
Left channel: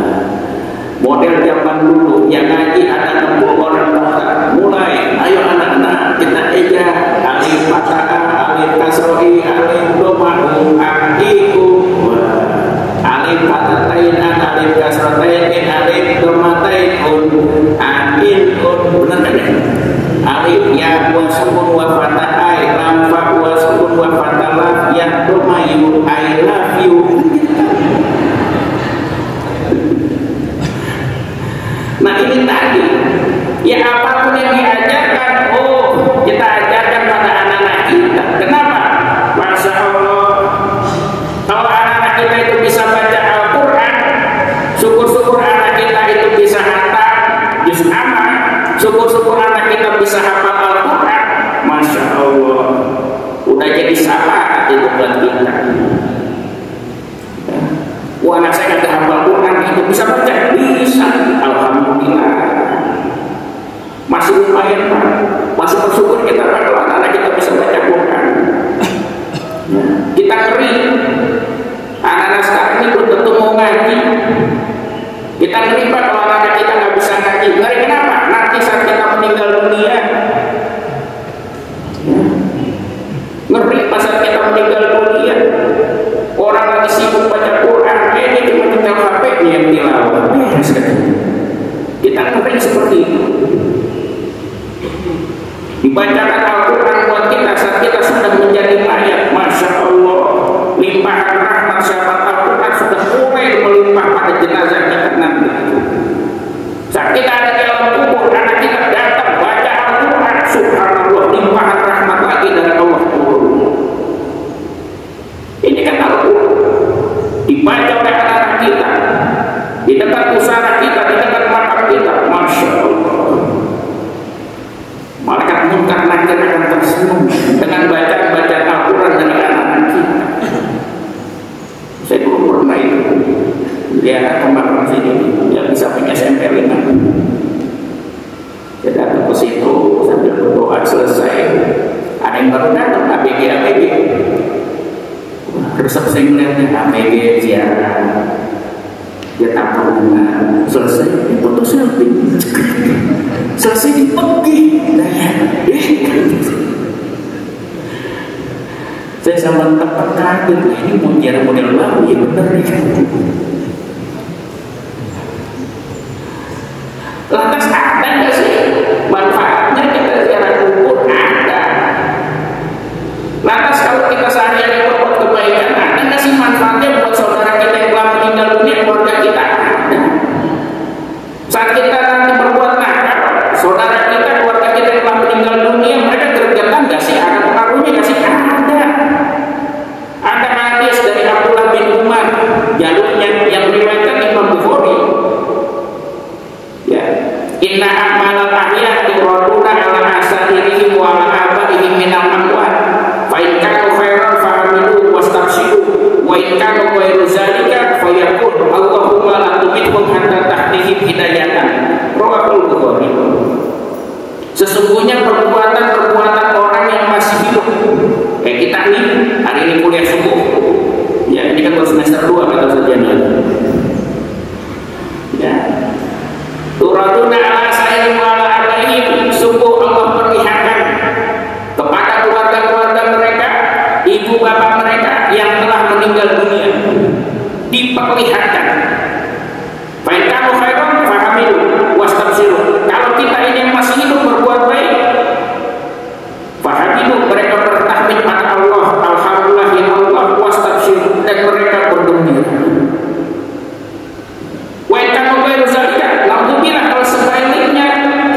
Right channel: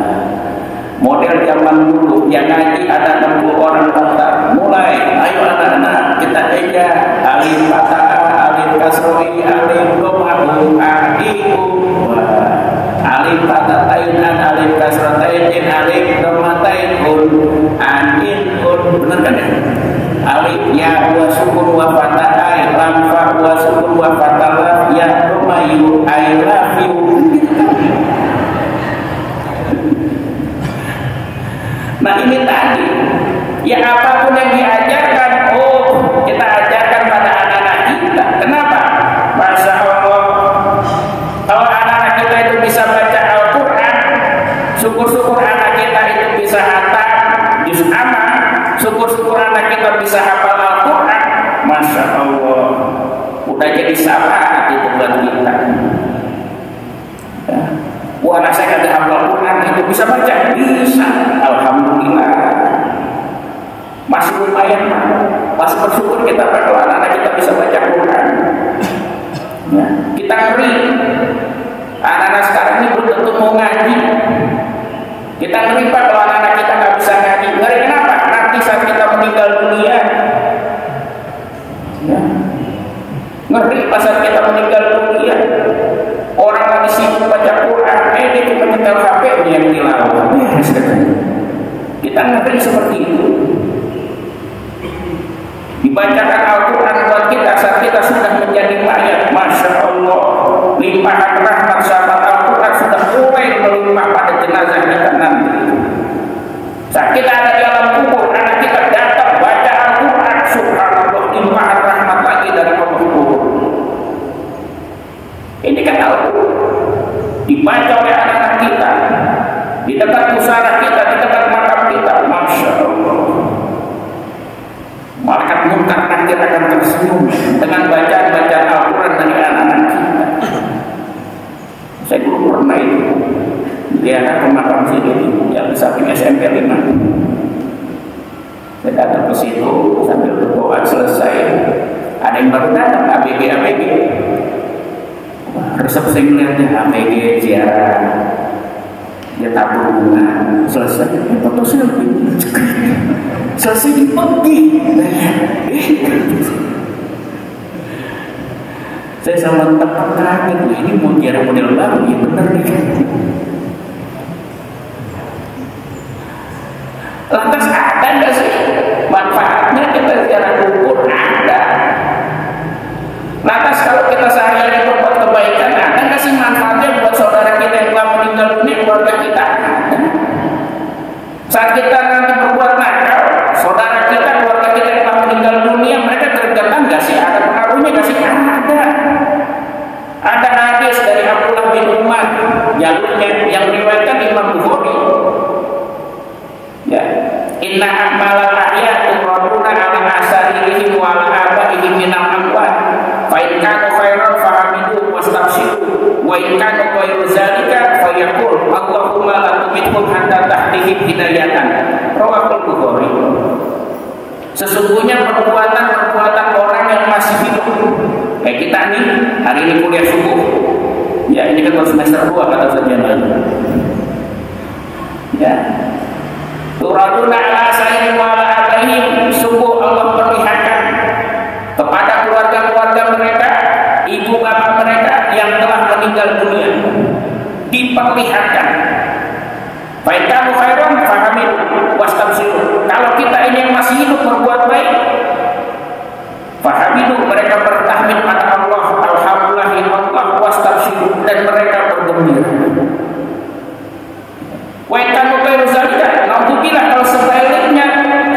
model zaman dulu yang ngaji ada 60 orang kata mulai ayo anak-anak kita eja alif fathah alif kasrohi alif dhamma adiku alif fathatain alif kasratain alif dhammatain amin benar kan alif ya wa sukun wa fathah lam fa wa sukun wa fathah ya dhamma you I love you. Nah ini tadi ya apapun yang diajarkan, kita ajarkan pada anak-anak kita. Kenapa? Masya Allah, kalau anak-anak kita itu bisa baca Al-Quran, syukur-syukur anak kita itu bisa hafal juz amma, syukur-syukur anak kita bisa hafal Al-Quran. Masya Allah, udah jadi syafaat itu buat kita. Anak saya nggak hafal Al-Quran itu bisa baca, bisa. Alhamdulillah, masih lumayan, masih bersyukur kita kalau anak-anak kita bisa baca Quran. Ya. Kita ngeri, anak-anak sekarang ini belum tentu mau ngaji. Kita ngeri Pak kalau anak-anak kita nggak bisa ngaji. Ngeri kenapa? Nanti saat kita meninggal dunia, ya. Ngeri pas saat kita meninggal dunia, orang lagi sibuk baca Quran, ini cuma tinggal HP-nya yang tilawah. Kita ngeri seperti itu. Dibacakan Al-Quran buat kita saat kita sudah menjadi mayat. Masya Allah, limpahan rahmat sahabat Al-Quran sudah mulai melimpah pada jenazah kita nanti. Saat kita ada dalam kubur, anak kita datang baca Al-Quran, subhanallah, limpahan rahmat lagi dari Allah turun. Ini kan Al-Quran dibaca oleh anak-anak kita di dekat pusara kita, di dekat makam kita. Masya Allah, malaikat munkar nakir akan tersenyum dengan bacaan-bacaan Al-Quran dengan anak-anak kita. Saya dulu pernah itu lihat ke makam sini yang bisa punya SMP 5. Saya datang ke situ sambil berdoa selesai, ada yang baru datang ABG resepsi melihatnya ABG ziarah. Dia tabur bunga, selesai foto selesai dipetik. Saya sama tempat kaget, ini mau ziarah model baru ya bener nih. Lantas ada nggak sih manfaatnya kita ziarah kubur? Ada. Lantas kalau kita sehari-hari berbuat kebaikan, ada nggak sih manfaatnya buat saudara kita yang telah meninggal dunia, keluarga kita? Saat kita nanti bahasa jenazah. Ya. Turaduna ala sayyidina wa ala alaihim, sungguh Allah perlihatkan kepada keluarga-keluarga mereka, ibu bapak mereka yang telah meninggal dunia, diperlihatkan. Fa'inkanu khairan fahamidu wastabshiru. Kalau kita ini yang masih hidup berbuat baik, fahamidu, mereka bertahmid pada Allah, alhamdulillah ya Allah, wastabshiru, dan mereka bergembira. Wa'inkanu khairu zalika, alhamdulillah kalau sebaliknya,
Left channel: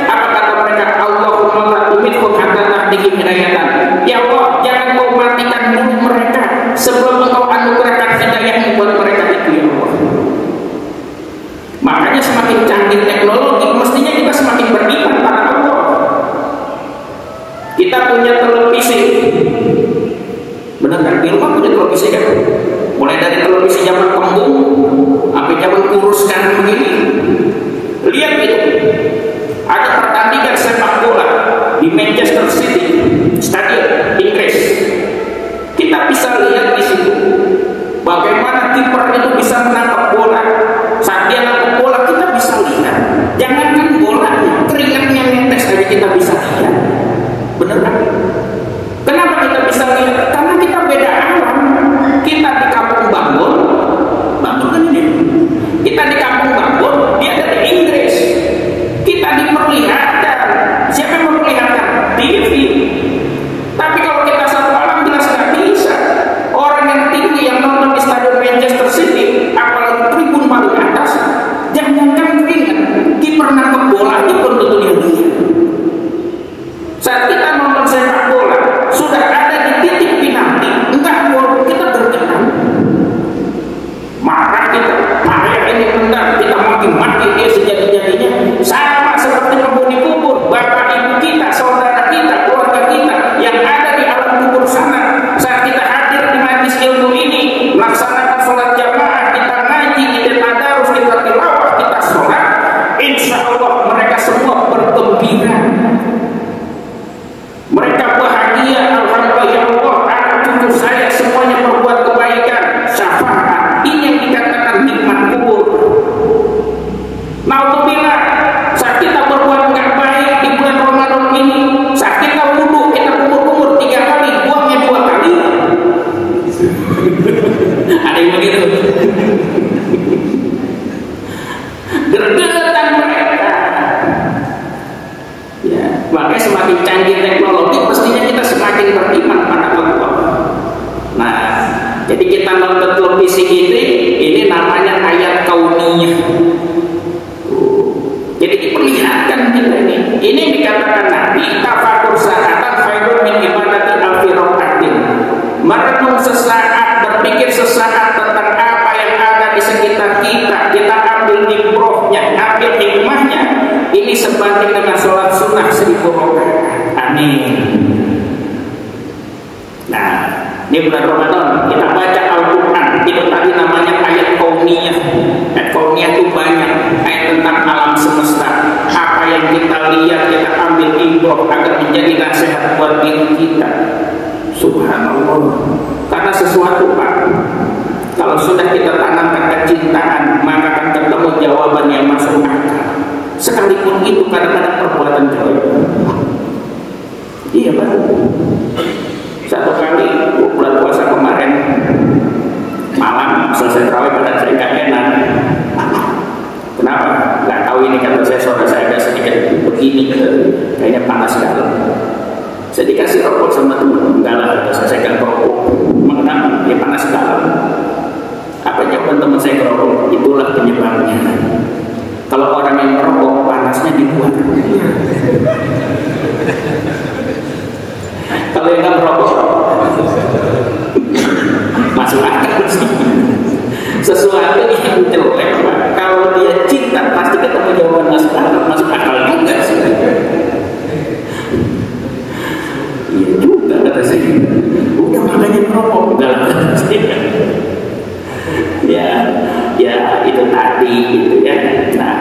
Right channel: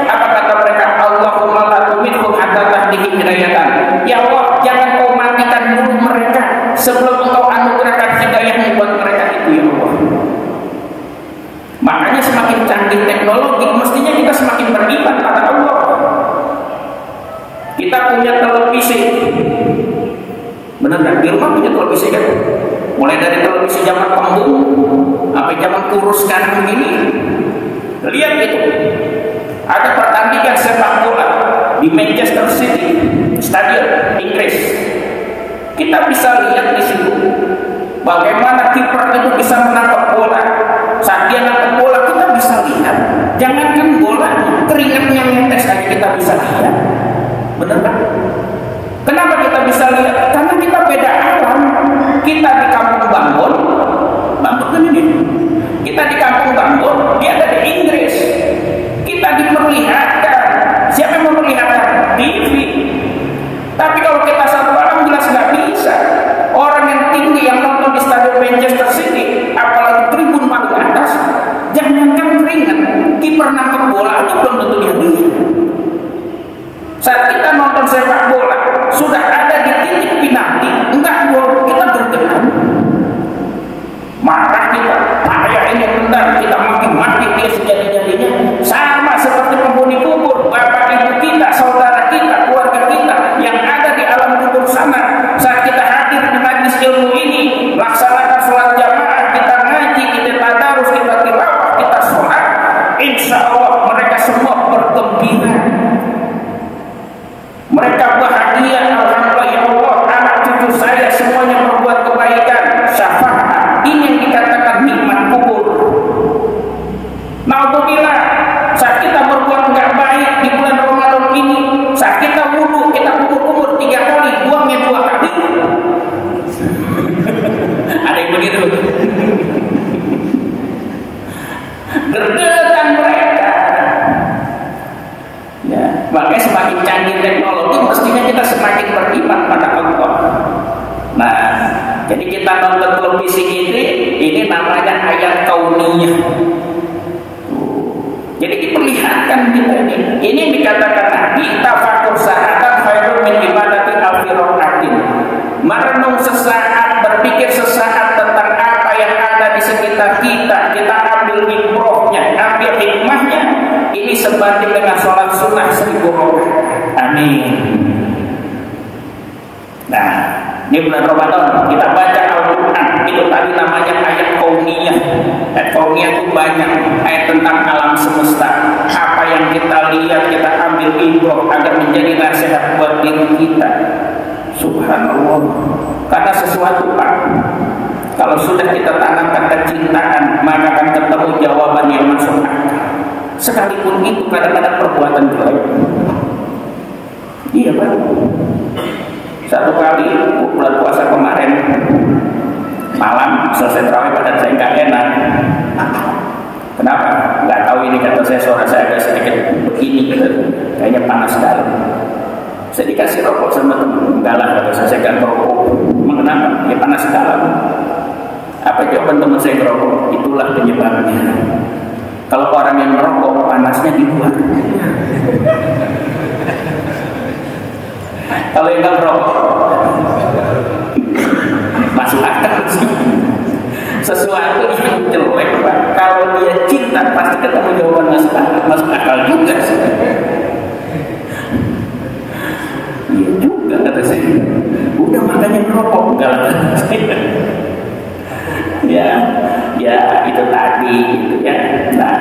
apa kata mereka? Allahumma la tumithu hatta tahdihim hidayatan. Ya Allah, jangan kau matikan dulu mereka sebelum engkau anugerahkan hidayah buat mereka itu, ya Allah. Makanya semakin canggih teknologi, mestinya kita semakin beriman pada Allah. Kita punya televisi, benar kan? Di rumah punya televisi kan? Mulai dari televisi zaman kembung sampai zaman kurus sekarang begini. Lihat itu, ada pertandingan sepak bola di Manchester City, stadion Inggris. Kita bisa lihat di situ bagaimana kiper itu bisa menangkap bola. Saat dia nangkap bola kita bisa lihat. Jangankan bola, keringatnya netes aja kita bisa lihat. Benar kan? Kenapa kita bisa lihat? Karena kita beda alam. Kita di kampung Bangun kan ini. Kita di kampung Bangun, dia ada di Inggris. Kita diperlihatkan. Siapa yang memperlihatkan? TV. Tapi kalau kita satu alam jelas nggak bisa. Orang yang tinggi yang nonton di stadion Manchester City, apalagi tribun paling atas, jangan-jangan keringat. Kiper nangkep bola itu pun tentu dia beli. Saat kita nonton sepak bola, sudah ada di titik penalti, enggak gol, kita bergerak. Marah kita, ada yang benar, kita maki-maki dia sejadi-jadinya. Sama seperti penghuni kubur, bapak ibu kita, saudara kita, keluarga kita yang ada di alam kubur sana. Saat kita hadir di majlis ilmu ini, laksanakan sholat jamaah, kita ngaji, kita tadarus, kita tilawah, kita sholat, insya Allah mereka semua bergembira. Mereka bahagia, alhamdulillah ya Allah, anak cucu saya semuanya berbuat kebaikan, syafaat. Ini yang dikatakan nikmat kubur. Naudzubillah, saat kita berbuat nggak baik di bulan Ramadan ini, saat kita wudu, kita kumur-kumur 3 kali, buangnya 2 kali. Ada yang begitu. Gergetan mereka. Ya, makanya semakin canggih teknologi, mestinya kita semakin beriman pada Allah. Nah, jadi kita nonton televisi ini namanya ayat kauniyah. Jadi diperlihatkan kita ini. Ini dikatakan Nabi, tafakur sa'atan khairun min ibadati alfi rakaatin. Merenung sesaat, berpikir sesaat tentang apa yang ada di sekitar kita. Kita ambil ibrahnya, ambil hikmahnya. Ini sebanding dengan sholat sunnah 1000 rakaat. Amin. Nah, ini bulan Ramadan kita baca Al-Quran. Itu tadi namanya ayat kauniyah. Ayat kauniyah itu banyak. Ayat tentang alam semesta. Apa yang kita lihat, kita ambil ibrah agar menjadi nasihat buat diri kita. Subhanallah. Karena sesuatu Pak, kalau sudah kita tanamkan kecintaan, maka akan ketemu jawaban yang masuk akal. Sekalipun itu kadang-kadang perbuatan baik. Iya Pak. Satu kali bulan puasa kemarin malam selesai tarawih pada saya gak enak. Kenapa? Gak tahu ini kata saya suara saya agak sedikit begini, kayaknya panas sekali. Saya dikasih rokok sama teman, enggak lah, saya gak rokok. Kenapa? Ya panas sekali. Apa jawaban teman saya ke rokok? Itulah penyebabnya. Kalau orang yang merokok panasnya di luar. Kalau yang nggak merokok masuk akal sih. Sesuatu yang jelek, kalau dia cinta pasti ketemu jawaban masuk akal juga sih. Iya juga kata saya. Udah makanya merokok enggak. Ya itu tadi gitu ya. Nah,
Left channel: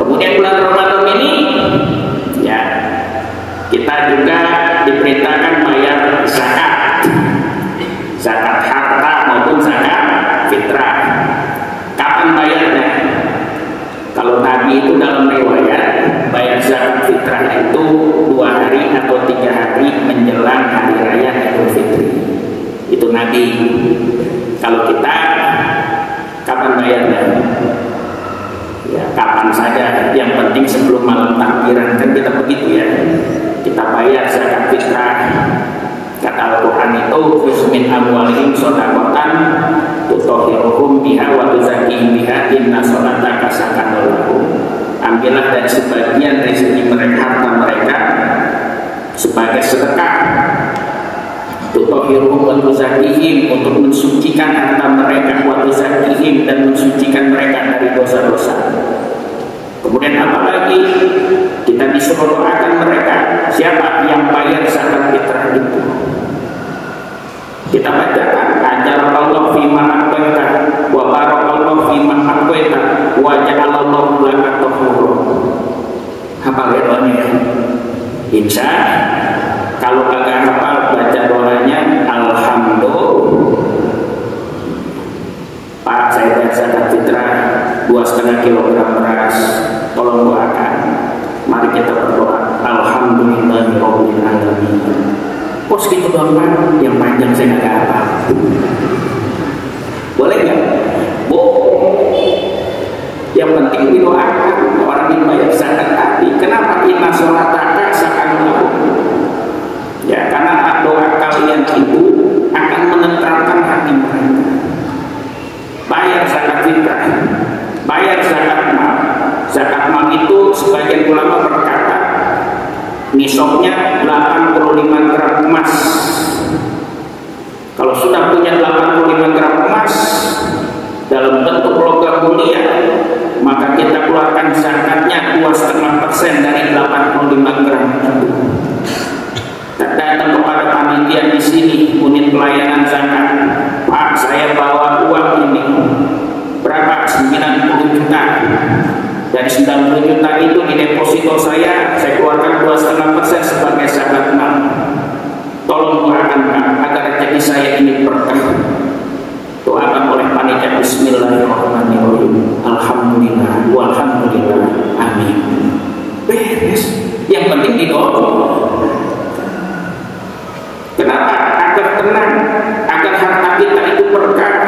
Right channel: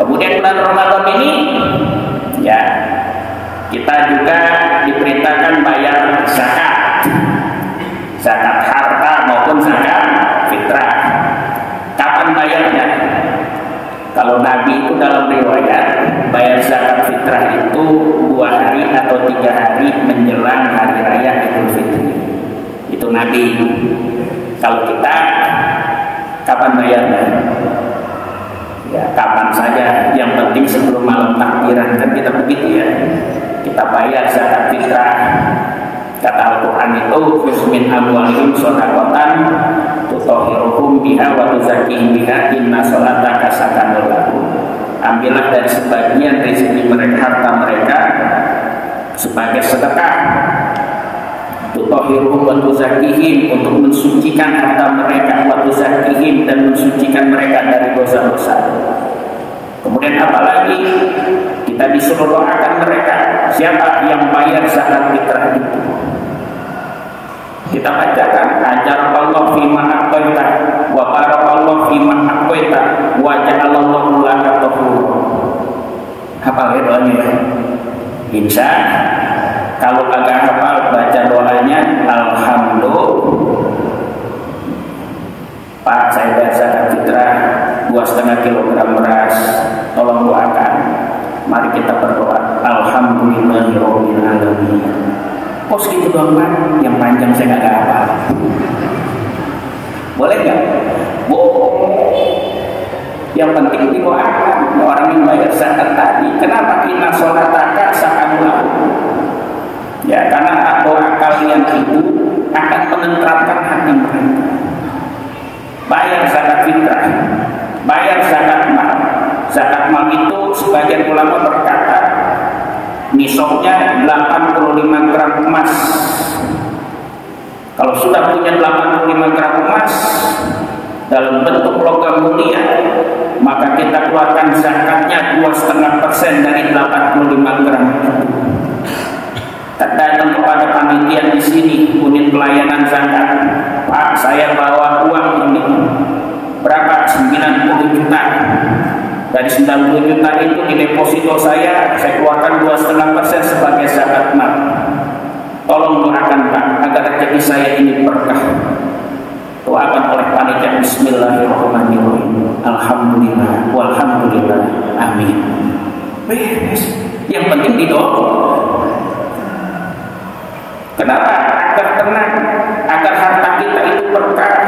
kemudian bulan Ramadan ini ya kita juga diperintahkan bayar zakat harta maupun zakat fitrah. kesempatan bayarnya. Ya, kapan saja, yang penting sebelum malam takbiran, kan kita begitu ya. Kita bayar zakat fitrah. Kata Al-Quran itu, "Min amwalihim shadaqatan tutahhiruhum biha wa tuzakkihim biha inna sholataka sakanun lahum." Ambillah dari sebagian rezeki mereka, harta mereka, sebagai sedekah. Tutahhiruhum wa tuzakkihim, untuk mensucikan harta mereka, wa tuzakkihim, dan mensucikan mereka dari dosa-dosa. Kemudian apalagi kita disuruh doakan mereka. Siapa yang bayar zakat fitrah itu? Kita bacakan, ajarallahu fima aqbaita wa barakallahu fima aqbaita wa ja'alallahu laka tahura. Apa doanya? Insya kalau agak hafal baca doanya, alhamdulillah. Pak, saya bayar zakat fitrah 2,5 kilogram beras, tolong doakan. Mari kita berdoa. Alhamdulillahirabbil alamin. Kok segitu doang, yang panjang saya nggak hafal. Boleh nggak? Boleh. Yang penting didoakan orang yang bayar zakat tadi. Kenapa kita sholataka sakanlah? Ya, karena doa kalian itu akan menenteramkan hati mereka. Bayar zakat fitrah, bayar zakat mal. Zakat mal itu sebagian ulama berkata nisabnya 85 gram emas. Kalau sudah punya 85 gram emas dalam bentuk logam mulia, maka kita keluarkan zakatnya 2,5% dari 85 gram itu. Datang kepada panitia di sini, unit pelayanan zakat. Pak, saya bawa uang ini berapa? 90 juta. Dari 90 juta itu di deposito saya keluarkan 2,5% sebagai zakat mal. Tolong doakan Pak agar rezeki saya ini berkah. Doakan oleh panitia. Bismillahirrahmanirrahim. Alhamdulillah, walhamdulillah, amin. Beres. Yang penting didoa. Kenapa? Agar tenang, agar harta kita itu berkah.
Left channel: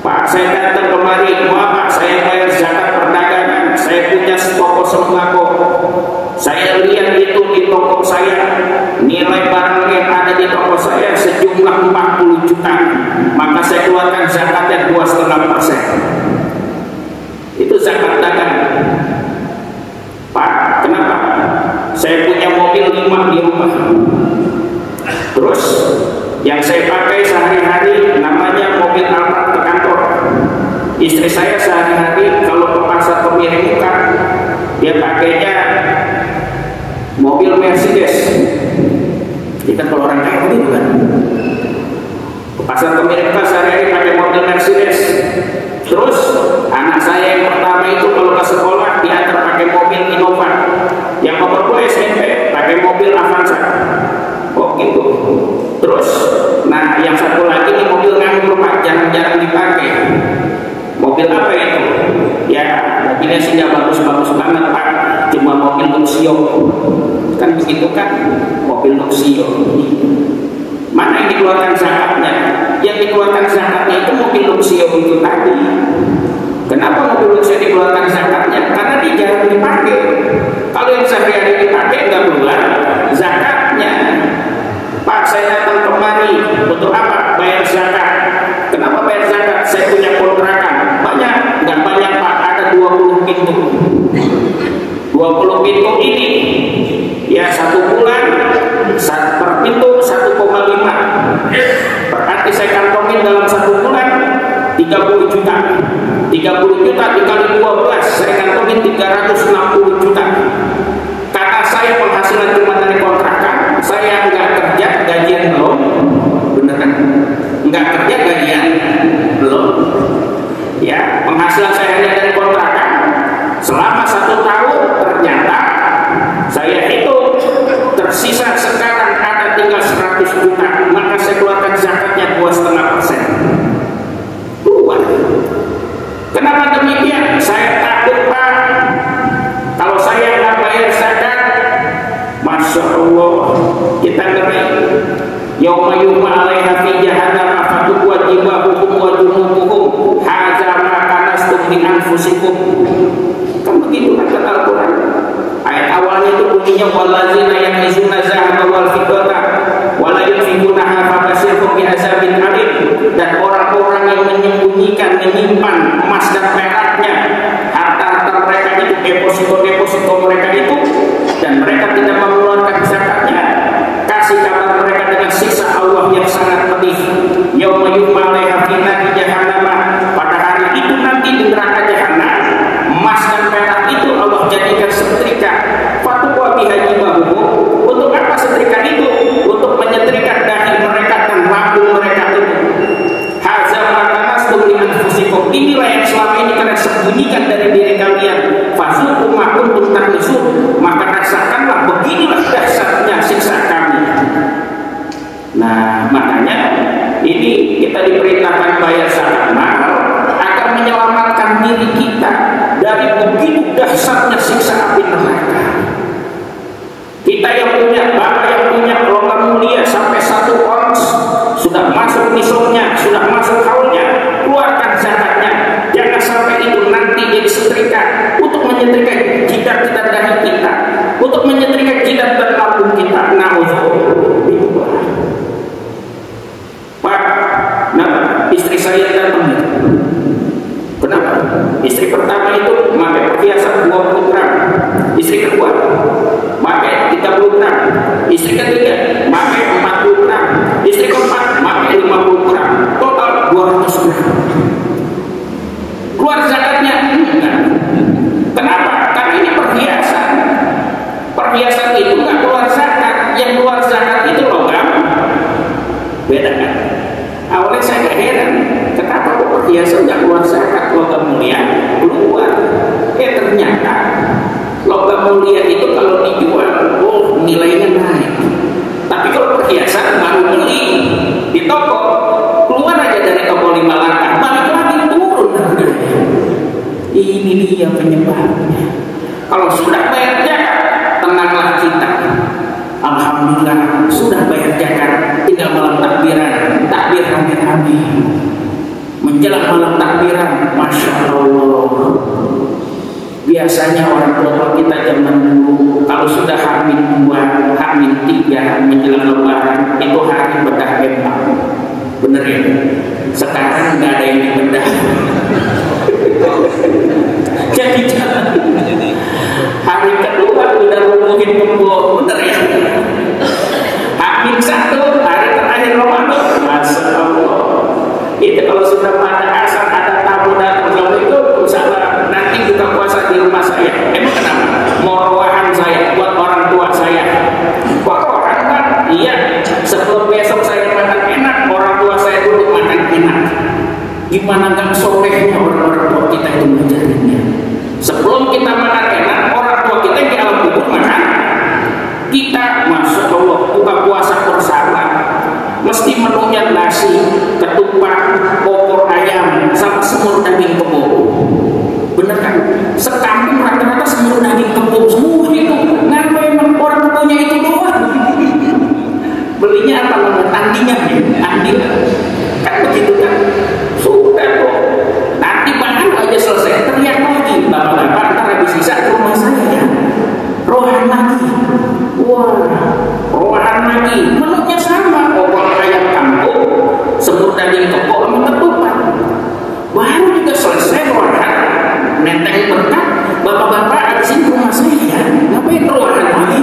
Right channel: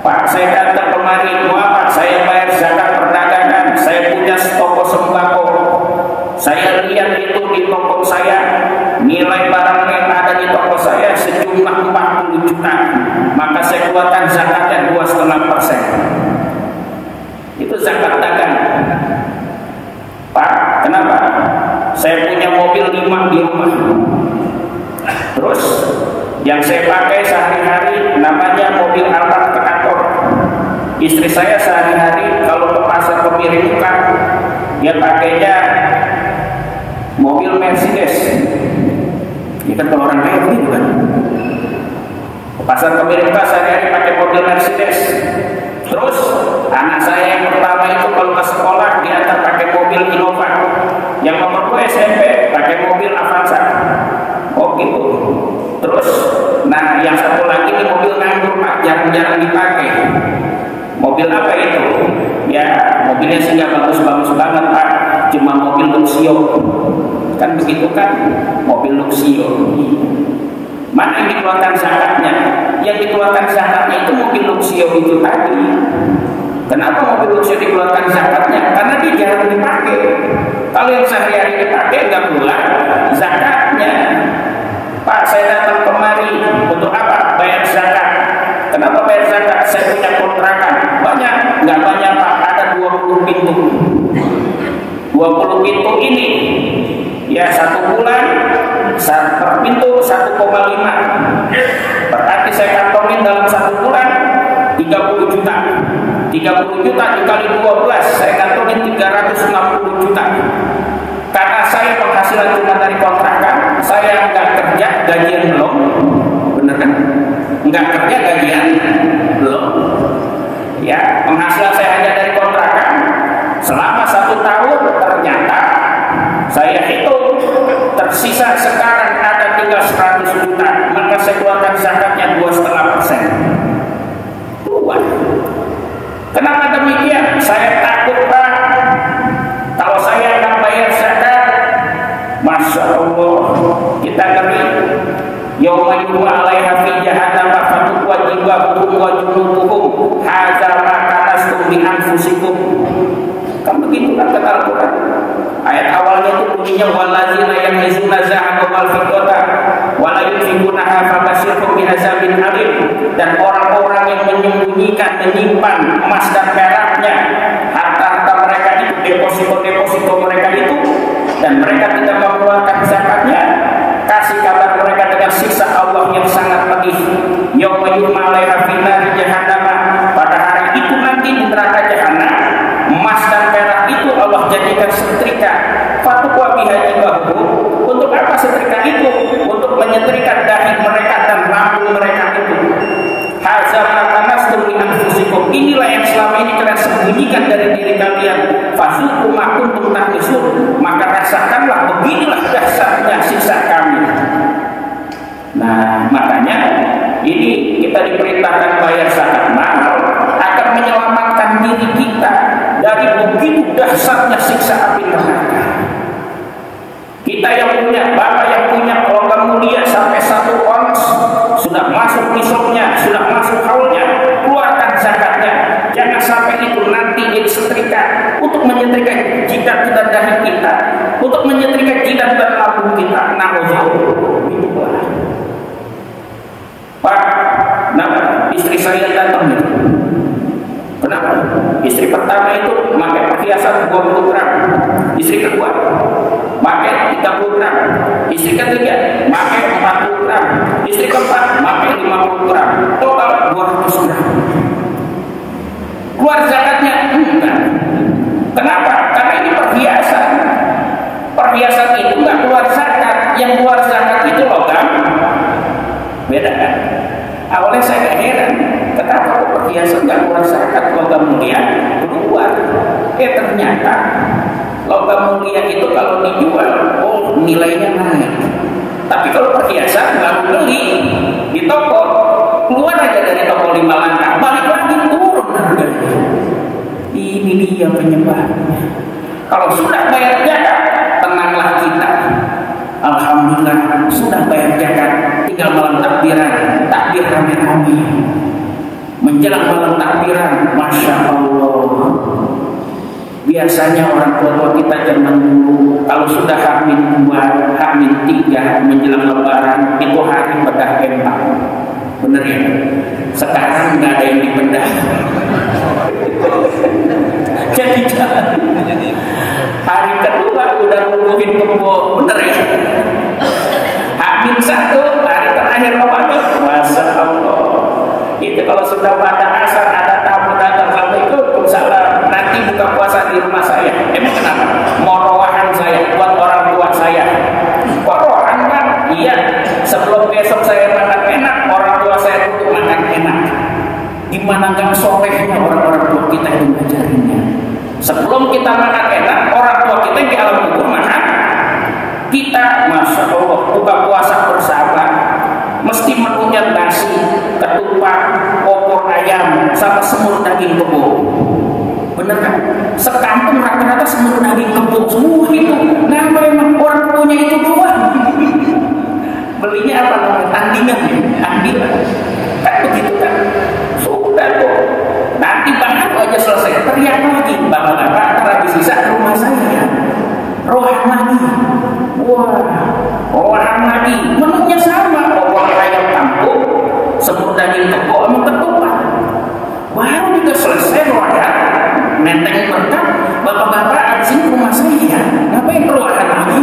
Pak, saya datang kemari, Pak, saya bayar zakat perdagangan, saya punya toko sembako. Saya lihat itu di toko saya, nilai barang yang ada di toko saya sejumlah 40 juta. Maka saya keluarkan zakatnya 2,5%. Itu zakat dagang. Pak, kenapa? Saya punya mobil 5 di rumah. Terus yang saya pakai sehari-hari namanya mobil Alphard ke kantor. Istri saya sehari-hari kalau ke pasar pemilik buka, dia pakainya mobil Mercedes. Kita kalau orang kaya begitu kan. Ke pasar pemilik buka sehari-hari pakai mobil Mercedes. Terus anak saya yang pertama itu kalau ke sekolah dia akan pakai mobil Innova. Yang nomor 2 SMP pakai mobil Avanza. Oh gitu. Terus, nah yang satu lagi ini mobil nganggur Pak, jarang-jarang dipakai. Mobil apa itu? Ya, mobilnya sih nggak bagus-bagus banget Pak, cuma mobil Luxio. Kan begitu kan? Mobil Luxio. Mana yang dikeluarkan zakatnya? Yang dikeluarkan zakatnya itu mobil Luxio itu tadi. Kenapa mobil Luxio dikeluarkan zakatnya? Karena dia jarang dipakai. Kalau yang sehari-hari dipakai nggak keluar zakatnya. Pak, saya datang kemari untuk apa? Bayar zakat. Kenapa bayar zakat? Saya punya kontrakan. Banyak? Nggak banyak Pak, ada 20 pintu. 20 pintu ini, ya 1 bulan, per pintu 1,5. Berarti saya kantongin dalam 1 bulan 30 juta. 30 juta dikali 12, saya kantongin 360 juta. Karena saya penghasilan cuma dari kontrakan, saya nggak kerja, gajian belum, bener kan? Nggak kerja, gajian belum. Ya, penghasilan saya hanya dari kontrakan. Selama 1 tahun ternyata saya hitung tersisa sekarang ada tinggal 100 juta, maka saya keluarkan zakatnya 2,5%. Kenapa demikian? Saya takut Pak, kalau saya nggak bayar zakat, Masya Allah, kita ngeri. Yauma yu'ma 'alaiha fi jahannam fatuwajjiba hukum menyimpan emas dan peraknya, harta-harta mereka itu, deposito mereka itu, dan mereka tidak mengeluarkan zakatnya, kasih kabar mereka dengan siksa Allah yang sangat pedih. Yauma yuhma 'alaiha fi nari jahannam, pada hari itu nanti di neraka jahanam, emas dan perak itu Allah jadikan setrika. Fatuwa biha jibahu, untuk apa setrika itu? Untuk menyetrika dahi mereka dan lambung mereka itu. Hadza ma kanastum li anfusikum, inilah yang selama ini kalian sembunyikan dari diri kalian. Fasuqu ma kuntum tahnisun, maka rasakanlah beginilah dahsyatnya siksa kami. Nah, makanya ini kita diperintahkan bayar zakat mal agar menyelamatkan diri kita dari begitu dahsyatnya siksa api neraka. Kita yang punya, bapak yang punya logam mulia sampai 1 ons, sudah masuk nisabnya, sudah masuk haulnya, keluarkan zakatnya. Jangan sampai itu nanti jadi setrika untuk menyetrika jidat-jidat dari kita, untuk menyetrika jidat dan lambung kita. Pak, nah istri saya datang. Kenapa? Istri pertama itu pakai perhiasan 20 gram, istri kedua pakai 30 gram, istri ketiga pakai 40 gram, istri keempat pakai 50 gram, total 200 gram. Keluar zakatnya? Enggak. Kenapa? Karena ini perhiasan. Perhiasan itu nggak keluar zakat, yang keluar zakat itu logam. Beda kan? Awalnya saya heran, kenapa kok perhiasan nggak keluar zakat, logam mulia keluar? Ternyata logam mulia itu kalau dijual, oh nilainya naik. Tapi kalau perhiasan baru beli di toko, keluar aja dari toko 5 langkah, balik lagi turun harganya. Ini dia penyebabnya. Kalau sudah bayar zakat, tenanglah kita. Alhamdulillah sudah bayar zakat, tinggal malam takbiran, takbir rame-rame. Menjelang malam takbiran, masya Allah. Biasanya orang tua kita zaman dulu kalau sudah H-2, H-3 menjelang lebaran itu hari bedah pempang. Bener ya? Sekarang nggak ada yang dibedah. Jadi hari kedua udah ngomongin kebo, bener ya? H-1 hari terakhir Ramadan, masya Allah. Itu kalau sudah pada asar ada tamu datang, Assalamualaikum, salam. Nanti buka puasa di rumah saya. Emang kenapa? Morowahan saya buat orang tua saya. Morowahan kan? Iya. Sebelum besok saya makan enak, orang tua saya dulu makan enak. Gimana nggak soleh orang-orang tua kita itu mengajarinnya? Sebelum kita makan enak, orang tua kita di alam kubur makan. Kita, masya Allah, buka puasa bersama. Mesti menunya nasi, ketupat, opor ayam, sama semur daging kebo. Bener kan? Sekampung rata-rata semur daging kebo semua itu. Nah, memang orang punya itu doang. Belinya apa namanya? Tandingan, tandingan. Kan begitu kan? Sudah kok. Nanti baru aja selesai, teriak lagi. Bapak-bapak ntar habis sisa ke rumah saya. Rohan lagi. Wah, rohan lagi. Menunya sama. Opor ayam kampung, semur daging kebo, sama ketupat. Baru juga selesai rohan. Nenteng berkat, bapak-bapak ada sini rumah saya. Ngapain keluar lagi?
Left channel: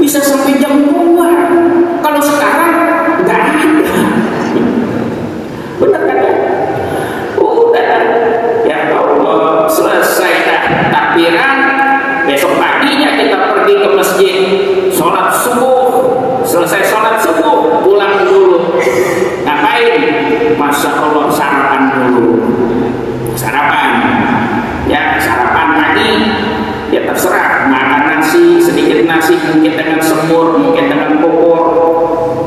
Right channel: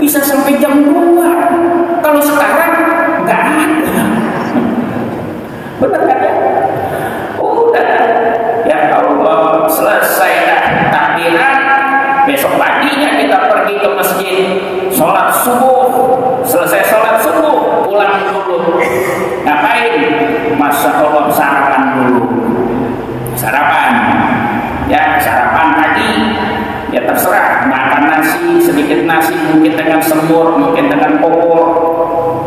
Bisa sampai jam 2. Kalau sekarang nggak ada. Benar kan? Udah, ya Allah, selesai takbiran. Besok paginya kita pergi ke masjid, sholat subuh. Selesai sholat subuh, pulang dulu. Ngapain? Masya Allah, sarapan dulu. Sarapan. Ya, sarapan tadi ya terserah, makan nasi, sedikit nasi, mungkin dengan semur, mungkin dengan opor,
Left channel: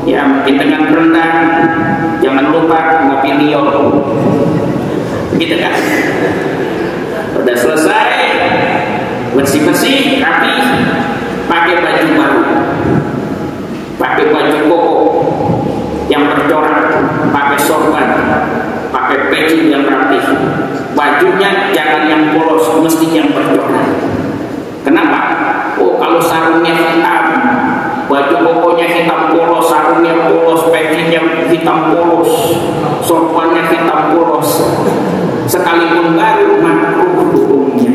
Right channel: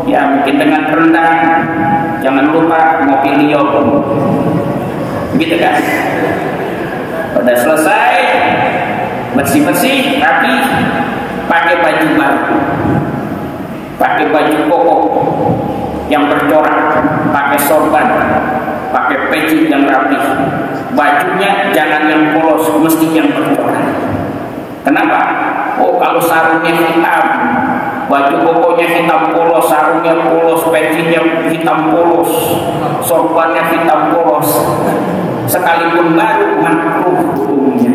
ya mungkin dengan rendang. Jangan lupa ngapilio, gitu kan? Udah selesai, bersih-bersih, rapi, pakai baju baru, pakai baju koko yang bercorak, pakai sorban, pakai peci yang rapi. Bajunya jangan yang polos, mesti yang bercorak. Kenapa? Oh, kalau sarungnya hitam, baju kokonya hitam polos, sarungnya polos, pecinya hitam hitam polos, sorbannya hitam polos, sekalipun baru makruh hukumnya.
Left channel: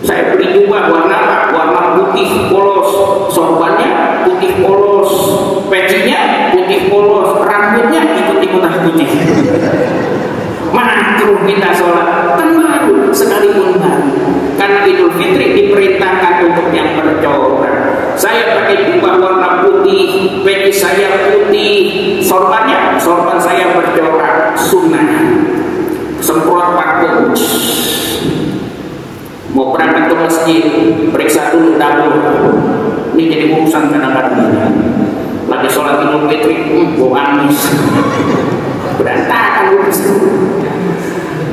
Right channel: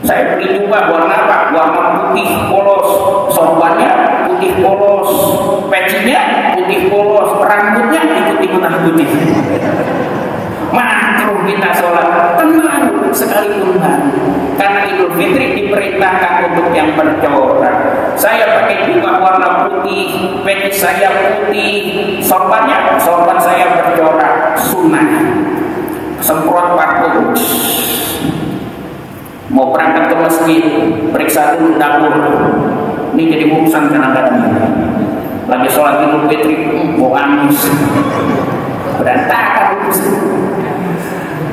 Saya beli jubah warna apa? Warna putih polos, sorbannya putih polos, pecinya putih polos, rambutnya ikut-ikutan putih. Makruh kita sholat tenang sekalipun baru. Karena Idul Fitri diperintahkan untuk yang bercorak. Saya pakai jubah warna putih, peci saya putih, sorban saya bercorak, sunnah. Semprot parfum. Mau berangkat ke masjid, periksa dulu dapur. Ini jadi urusan kadang-kadang. Lagi sholat Idul Fitri, mau angus, berantakan urusan.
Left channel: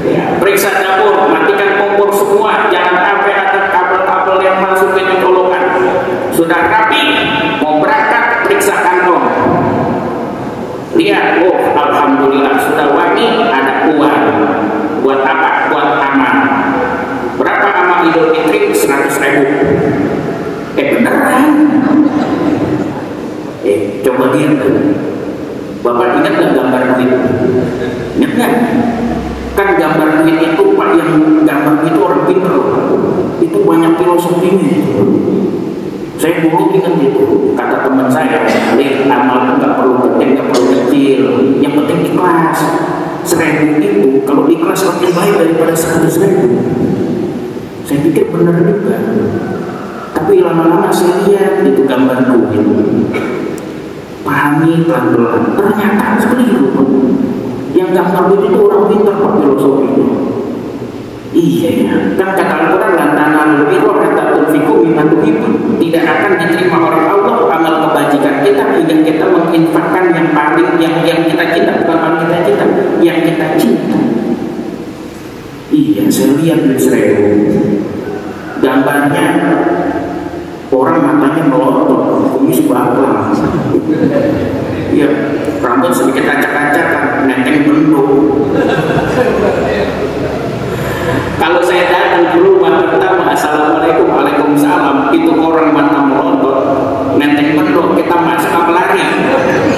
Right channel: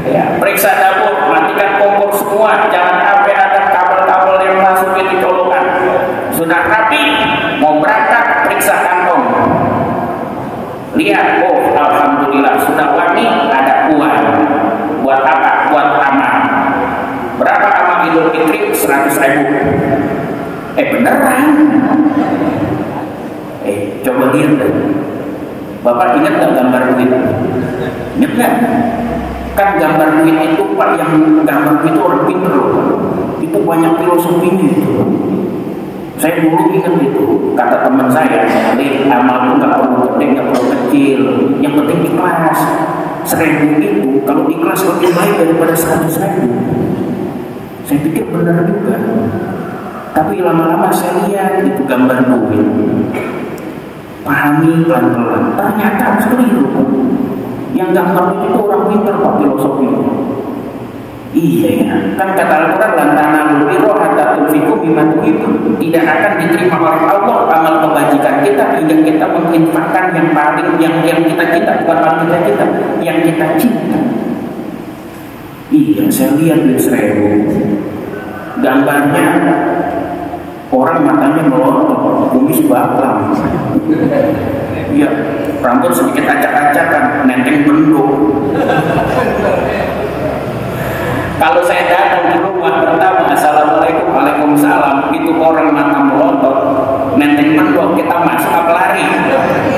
Ya, periksa dapur, matikan kompor semua, jangan sampai ada kabel-kabel yang masuk ke colokan. Sudah rapi, mau berangkat, periksa kantong. Lihat, oh alhamdulillah sudah wangi, ada uang. Buat apa? Buat amal. Berapa amal Idul Fitri? 100.000. Beneran? Coba lihat. Bapak ingat nggak gambar itu? Ingat nggak? Kan gambar ini itu Pak, yang gambar itu orang pintar. Itu banyak filosofinya itu. Saya dulu ingat itu, kata teman saya, amal nggak perlu gede, nggak perlu kecil, yang penting ikhlas. 1.000 itu kalau ikhlas lebih baik daripada 100.000. Saya pikir benar juga. Tapi lama-lama saya lihat itu gambar duit, pahami pelan-pelan, ternyata keliru. Yang gambar duit itu orang pintar Pak filosofinya. Iya, kan kata Al-Quran, lantaran birro kata tunfiku bima tuhibbu, tidak akan diterima oleh Allah amal kebajikan kita hingga kita menginfakkan yang paling yang kita cinta, bukan paling kita cinta, yang kita cinta. Iya, saya lihat di Israel gambarnya orang matanya melotot, kumis bakal, iya, rambut sedikit acak-acakan, nenek mendung. Kalau saya datang ke rumah pertama, assalamualaikum, waalaikumsalam, itu orang mata melotot, nenek mendung, kita masuk apa lari?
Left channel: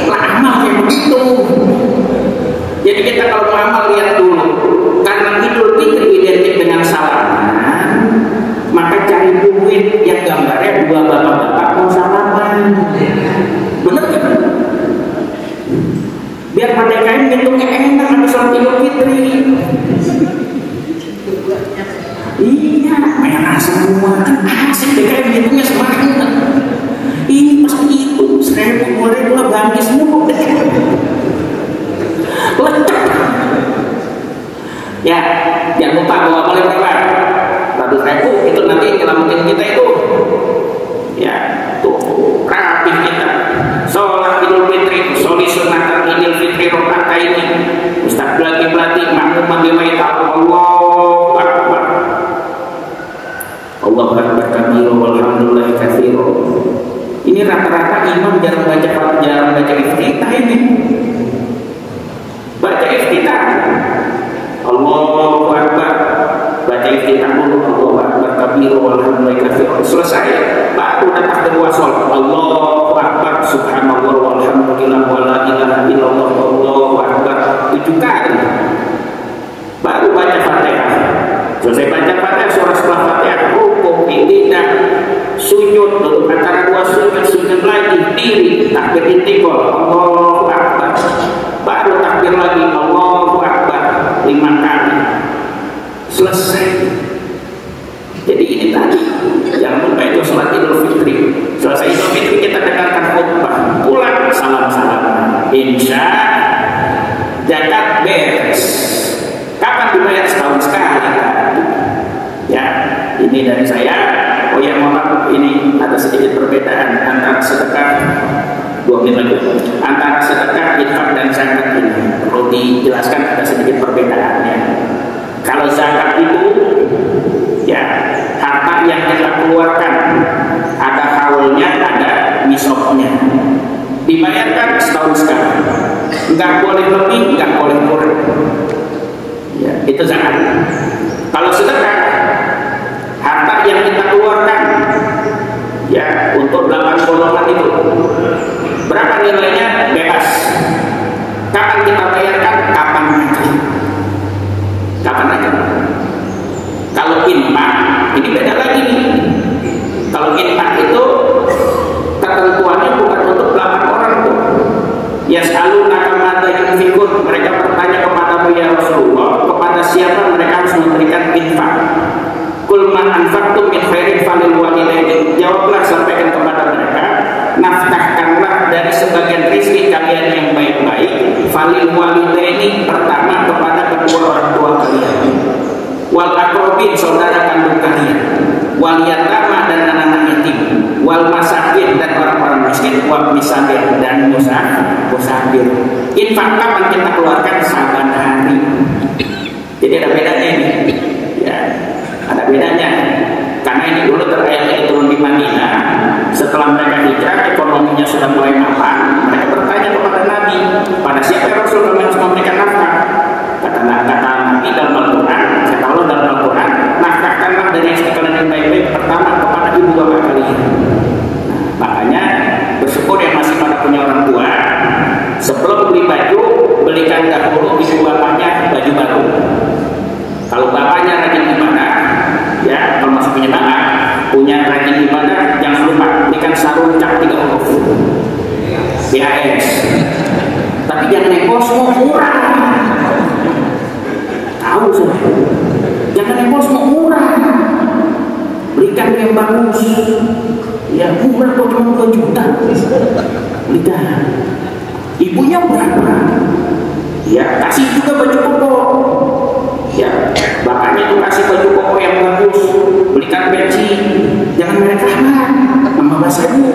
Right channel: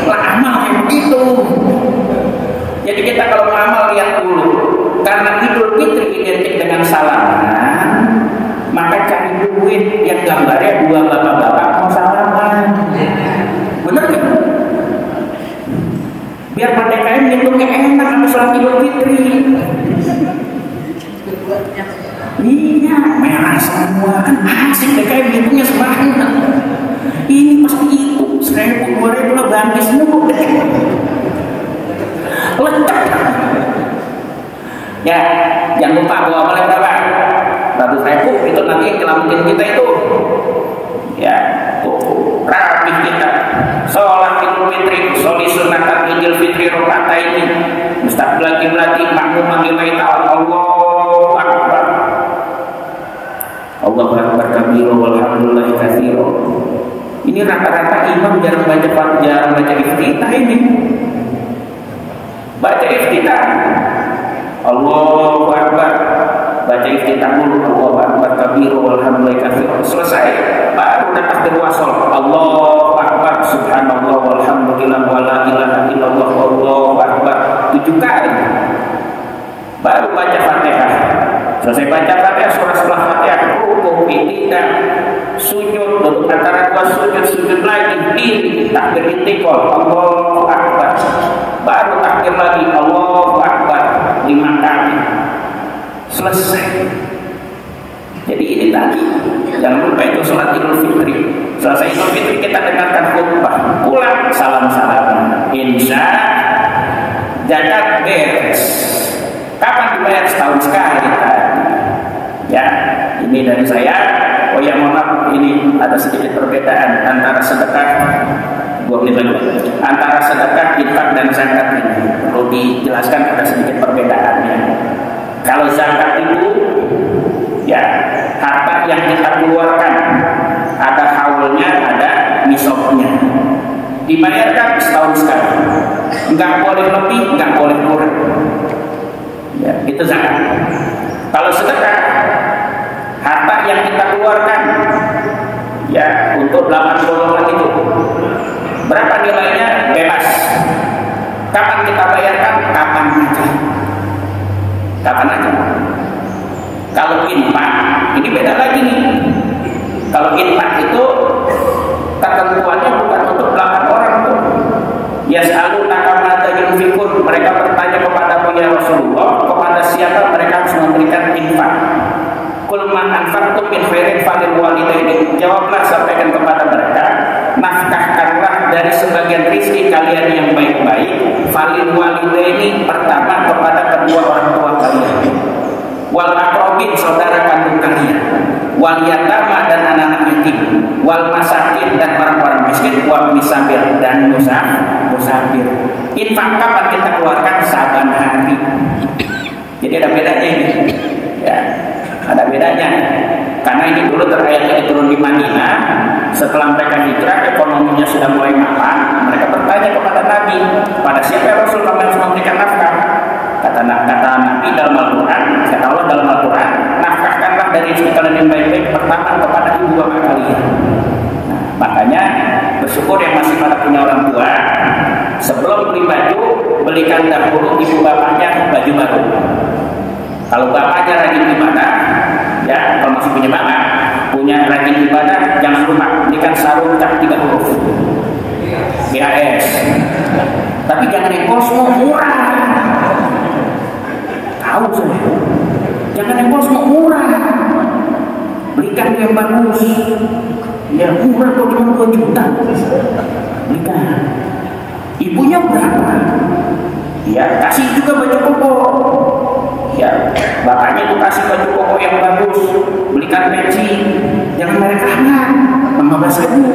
Lama kayak begitu. Jadi kita kalau beramal lihat dulu, karena Idul Fitri identik dengan salaman, maka cari duit yang gambarnya dua bapak-bapak mau salaman. Bener kan? Biar pada kain bentuknya enak bersama Idul Fitri. Iya, merah semua kan asik deh, kayak bentuknya semangat. Ini pasti itu, 1.000 2.000 ganti semua deh. Lengkap. Ya, jangan lupa bawa balik berapa? 100.000 itu nanti nyelamatin kita itu. Ya, tuh rapi kita. Sholat Idul Fitri, soli sunatan Idul Fitri rokaat ini. Ustaz berlatih makmum dimai Allahu Akbar. Allahu Akbar kabira walhamdulillah katsira. Ini rata-rata imam jarang baca iftitah ini. Baca iftitah. Allahu Akbar. Baca iftitah dulu, Allahu Akbar kabira walhamdulillah katsira. Selesai, baru datang kedua sholat. Allahu Akbar subhanallah walhamdulillah wala ilaha illallah Allahu Akbar 7 kali. Baru baca Fatihah. Selesai baca Fatihah, surah setelah Fatihah, rukuk, i'tidal, sujud, turun antara dua sujud lagi, diri, takbir intikal, Allahu Akbar. Baru takbir lagi, Allahu Akbar 5 kali. Selesai. Jadi ini tadi, jangan lupa itu sholat Idul Fitri. Selesai Idul Fitri kita dengarkan khutbah, pulang salam-salam, insya zakat beres. Kapan dibayar? Setahun sekali. Ya, ini dari saya. Oh ya, maaf, ini ada sedikit perbedaan antara sedekah 2 menit lagi. Antara sedekah, infak dan zakat ini perlu dijelaskan, ada sedikit perbedaannya. Kalau zakat itu ya harta yang kita keluarkan, ada haulnya, ada nisabnya. Dibayarkan setahun sekali. Enggak boleh lebih, enggak boleh kurang. Ya, itu zakat. Kalau sedekah, harta yang kita keluarkan ya untuk 8 golongan itu berapa nilainya bebas. Kapan aja. Kalau infak, ini beda lagi nih. Kalau infak itu ketentuannya bukan untuk 8 orang tuh. Yas'alunaka madza yunfiqun, mereka bertanya kepadamu ya Rasulullah, kepada siapa mereka harus memberikan infak. Qul ma anfaqtum min khairin falil walidaini, jawablah sampaikan kepada mereka, nafkahkanlah dari sebagian rezeki kalian yang baik-baik, falil walidaini, pertama kepada kedua orang tua kalian, wal aqrabin, saudara kandung kalian, wal yatama, dan anak-anak yatim, wal masakin, dan orang-orang miskin, wal misabir, dan musafir. Infak kapan kita keluarkan? Saban hari. Jadi ada bedanya ini. Ya, ada bedanya. Karena ini dulu terkait turun di Madinah. Setelah mereka hijrah, ekonominya sudah mulai mapan. Mereka bertanya kepada Nabi, pada siapa yang Rasul kami harus memberikan nafkah? Kata Nabi dalam Al-Quran, kata Allah dalam Al-Quran, nafkahkanlah dari rezeki kalian yang baik-baik pertama kepada ibu bapak kalian. Makanya bersyukur yang masih pada punya orang tua, sebelum beli baju, belikan dahulu ibu bapaknya baju baru. Kalau bapaknya rajin ibadah, ya kalau masih punya bapak, punya rajin ibadah, jangan lupa belikan sarung cap 3 huruf BAS. Tapi jangan yang kosong murah. Tahu semua. Jangan yang kosong murah. Belikan yang bagus. Ya murah kok cuma 2 juta. Belikan. Ibunya berapa? Ya kasih juga baju koko. Ya bapaknya itu kasih baju koko yang bagus. Belikan peci. Jangan merek apa? 15.000.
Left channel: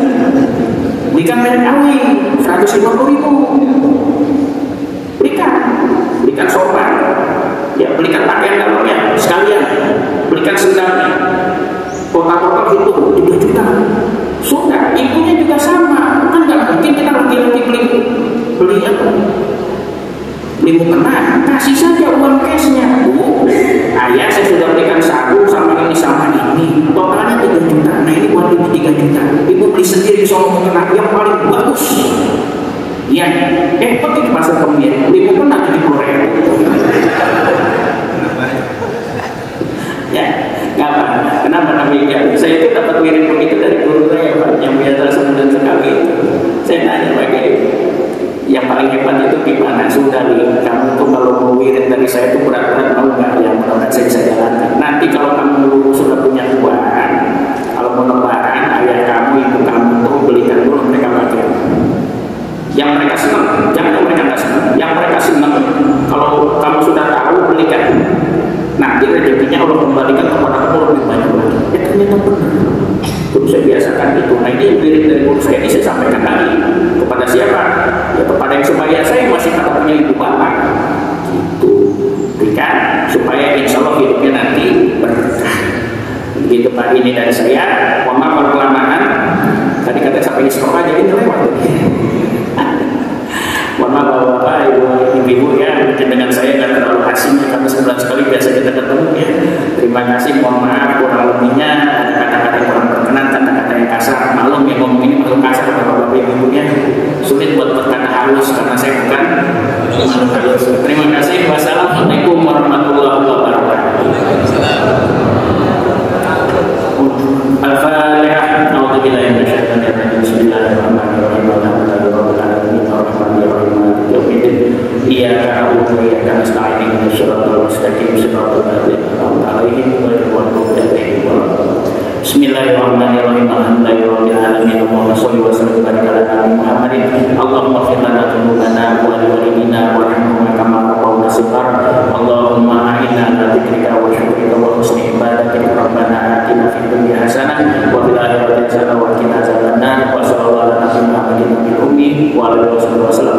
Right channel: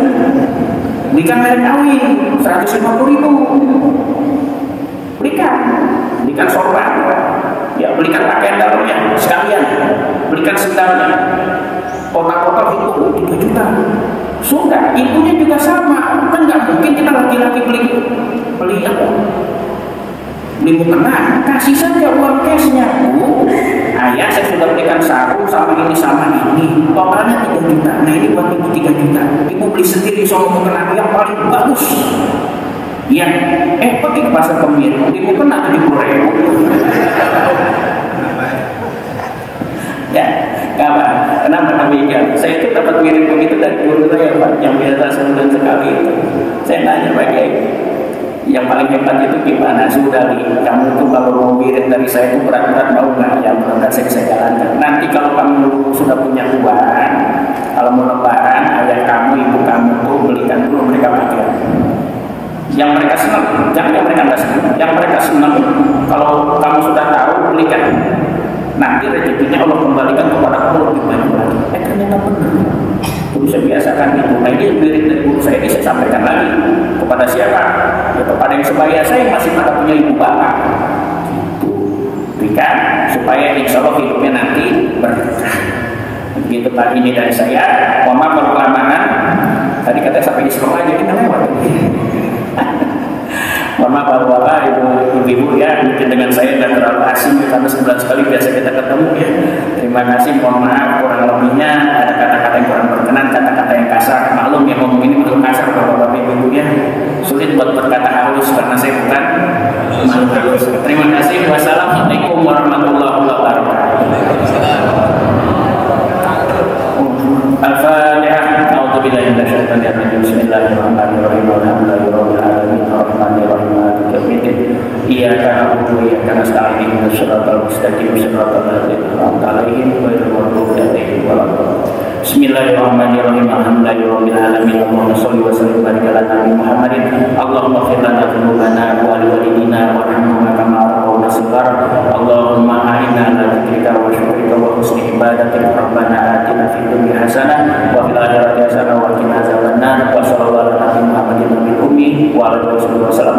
Belikan merek awin 150.000. Belikan sopan. Ya belikan pakaian dalamnya sekalian. Belikan sendalnya. Total itu 3 juta. Sudah, ibunya juga sama. Kan nggak mungkin kita laki-laki beli apa? Beli mukena, kasih saja uang cashnya. Ayah saya sudah belikan sarung sama ini sama ini. Totalnya 3 juta. Nah ini buat ibu 3 juta. Ibu beli sendiri sama mukena yang paling bagus. Ya, pergi ke pasar pemilik beli mukena 70.000. Ya, kenapa Nabi ya? Saya itu dapat ngirim begitu dari guru saya yang biasa sebelum sekali. Saya nanya lagi, yang paling hebat itu gimana? Sudah kamu tuh kalau mau ngirim dari saya itu berat-berat mau nggak? Yang berat saya bisa jalankan. Nanti kalau kamu sudah punya uang, kalau mau lebaran, ayah kamu, ibu kamu tuh belikan dulu mereka pakai. Yang mereka senang, jangan mereka nggak senang. Yang mereka senang, kalau kamu sudah tahu belikan. Nanti rezekinya Allah kembalikan kepada Allah lebih banyak lagi. Ternyata benar. Jadi saya biasakan itu. Nah ini yang dari guru saya ini saya sampaikan lagi kepada siapa? Ya kepada yang sebaya saya masih pada punya ibu bapak. Itu berikan supaya insya Allah hidupnya nanti berkah. Begitu tadi ini dari saya. Wama perkelamaan. Tadi kata sampai islam aja kita lewat. Mohon maaf bahwa ibu ya mungkin dengan saya dan terlalu asing karena sebulan sekali biasa kita ketemu ya. Terima kasih, mohon maaf kurang lebihnya ada kata-kata yang kurang berkenan, kata-kata yang kasar. Maklum yang ngomong ini belum kasar bapak-bapak ibu-ibunya sulit buat berkata halus karena saya bukan halus. Terima kasih. Wassalamualaikum warahmatullahi wabarakatuh. Al-Fatihah. A'udzubillahi minasyaitonir rajim. Bismillahirrahmanirrahim. Iyyaka na'budu wa iyyaka nasta'in ihdinas siratal mustaqim siratal ladzina an'amta 'alaihim ghairil maghdubi 'alaihim waladdallin. Bismillahirrahmanirrahim. Alhamdulillahirabbil alamin. Allahumma shalli wa sallim wa barik ala nabiyyina Muhammadin. Allahumma ighfir lana dzunubana wa li walidina warhamna kama rabbawna shighar. Allahumma a'inna 'ala dzikrika wa syukrika wa husni ibadatika. Rabbana atina fid dunya hasanah wa fil akhirati hasanah wa qina adzabannar. Wa sallallahu ala Muhammadin nabiyil ummi wa ala alihi wasallam.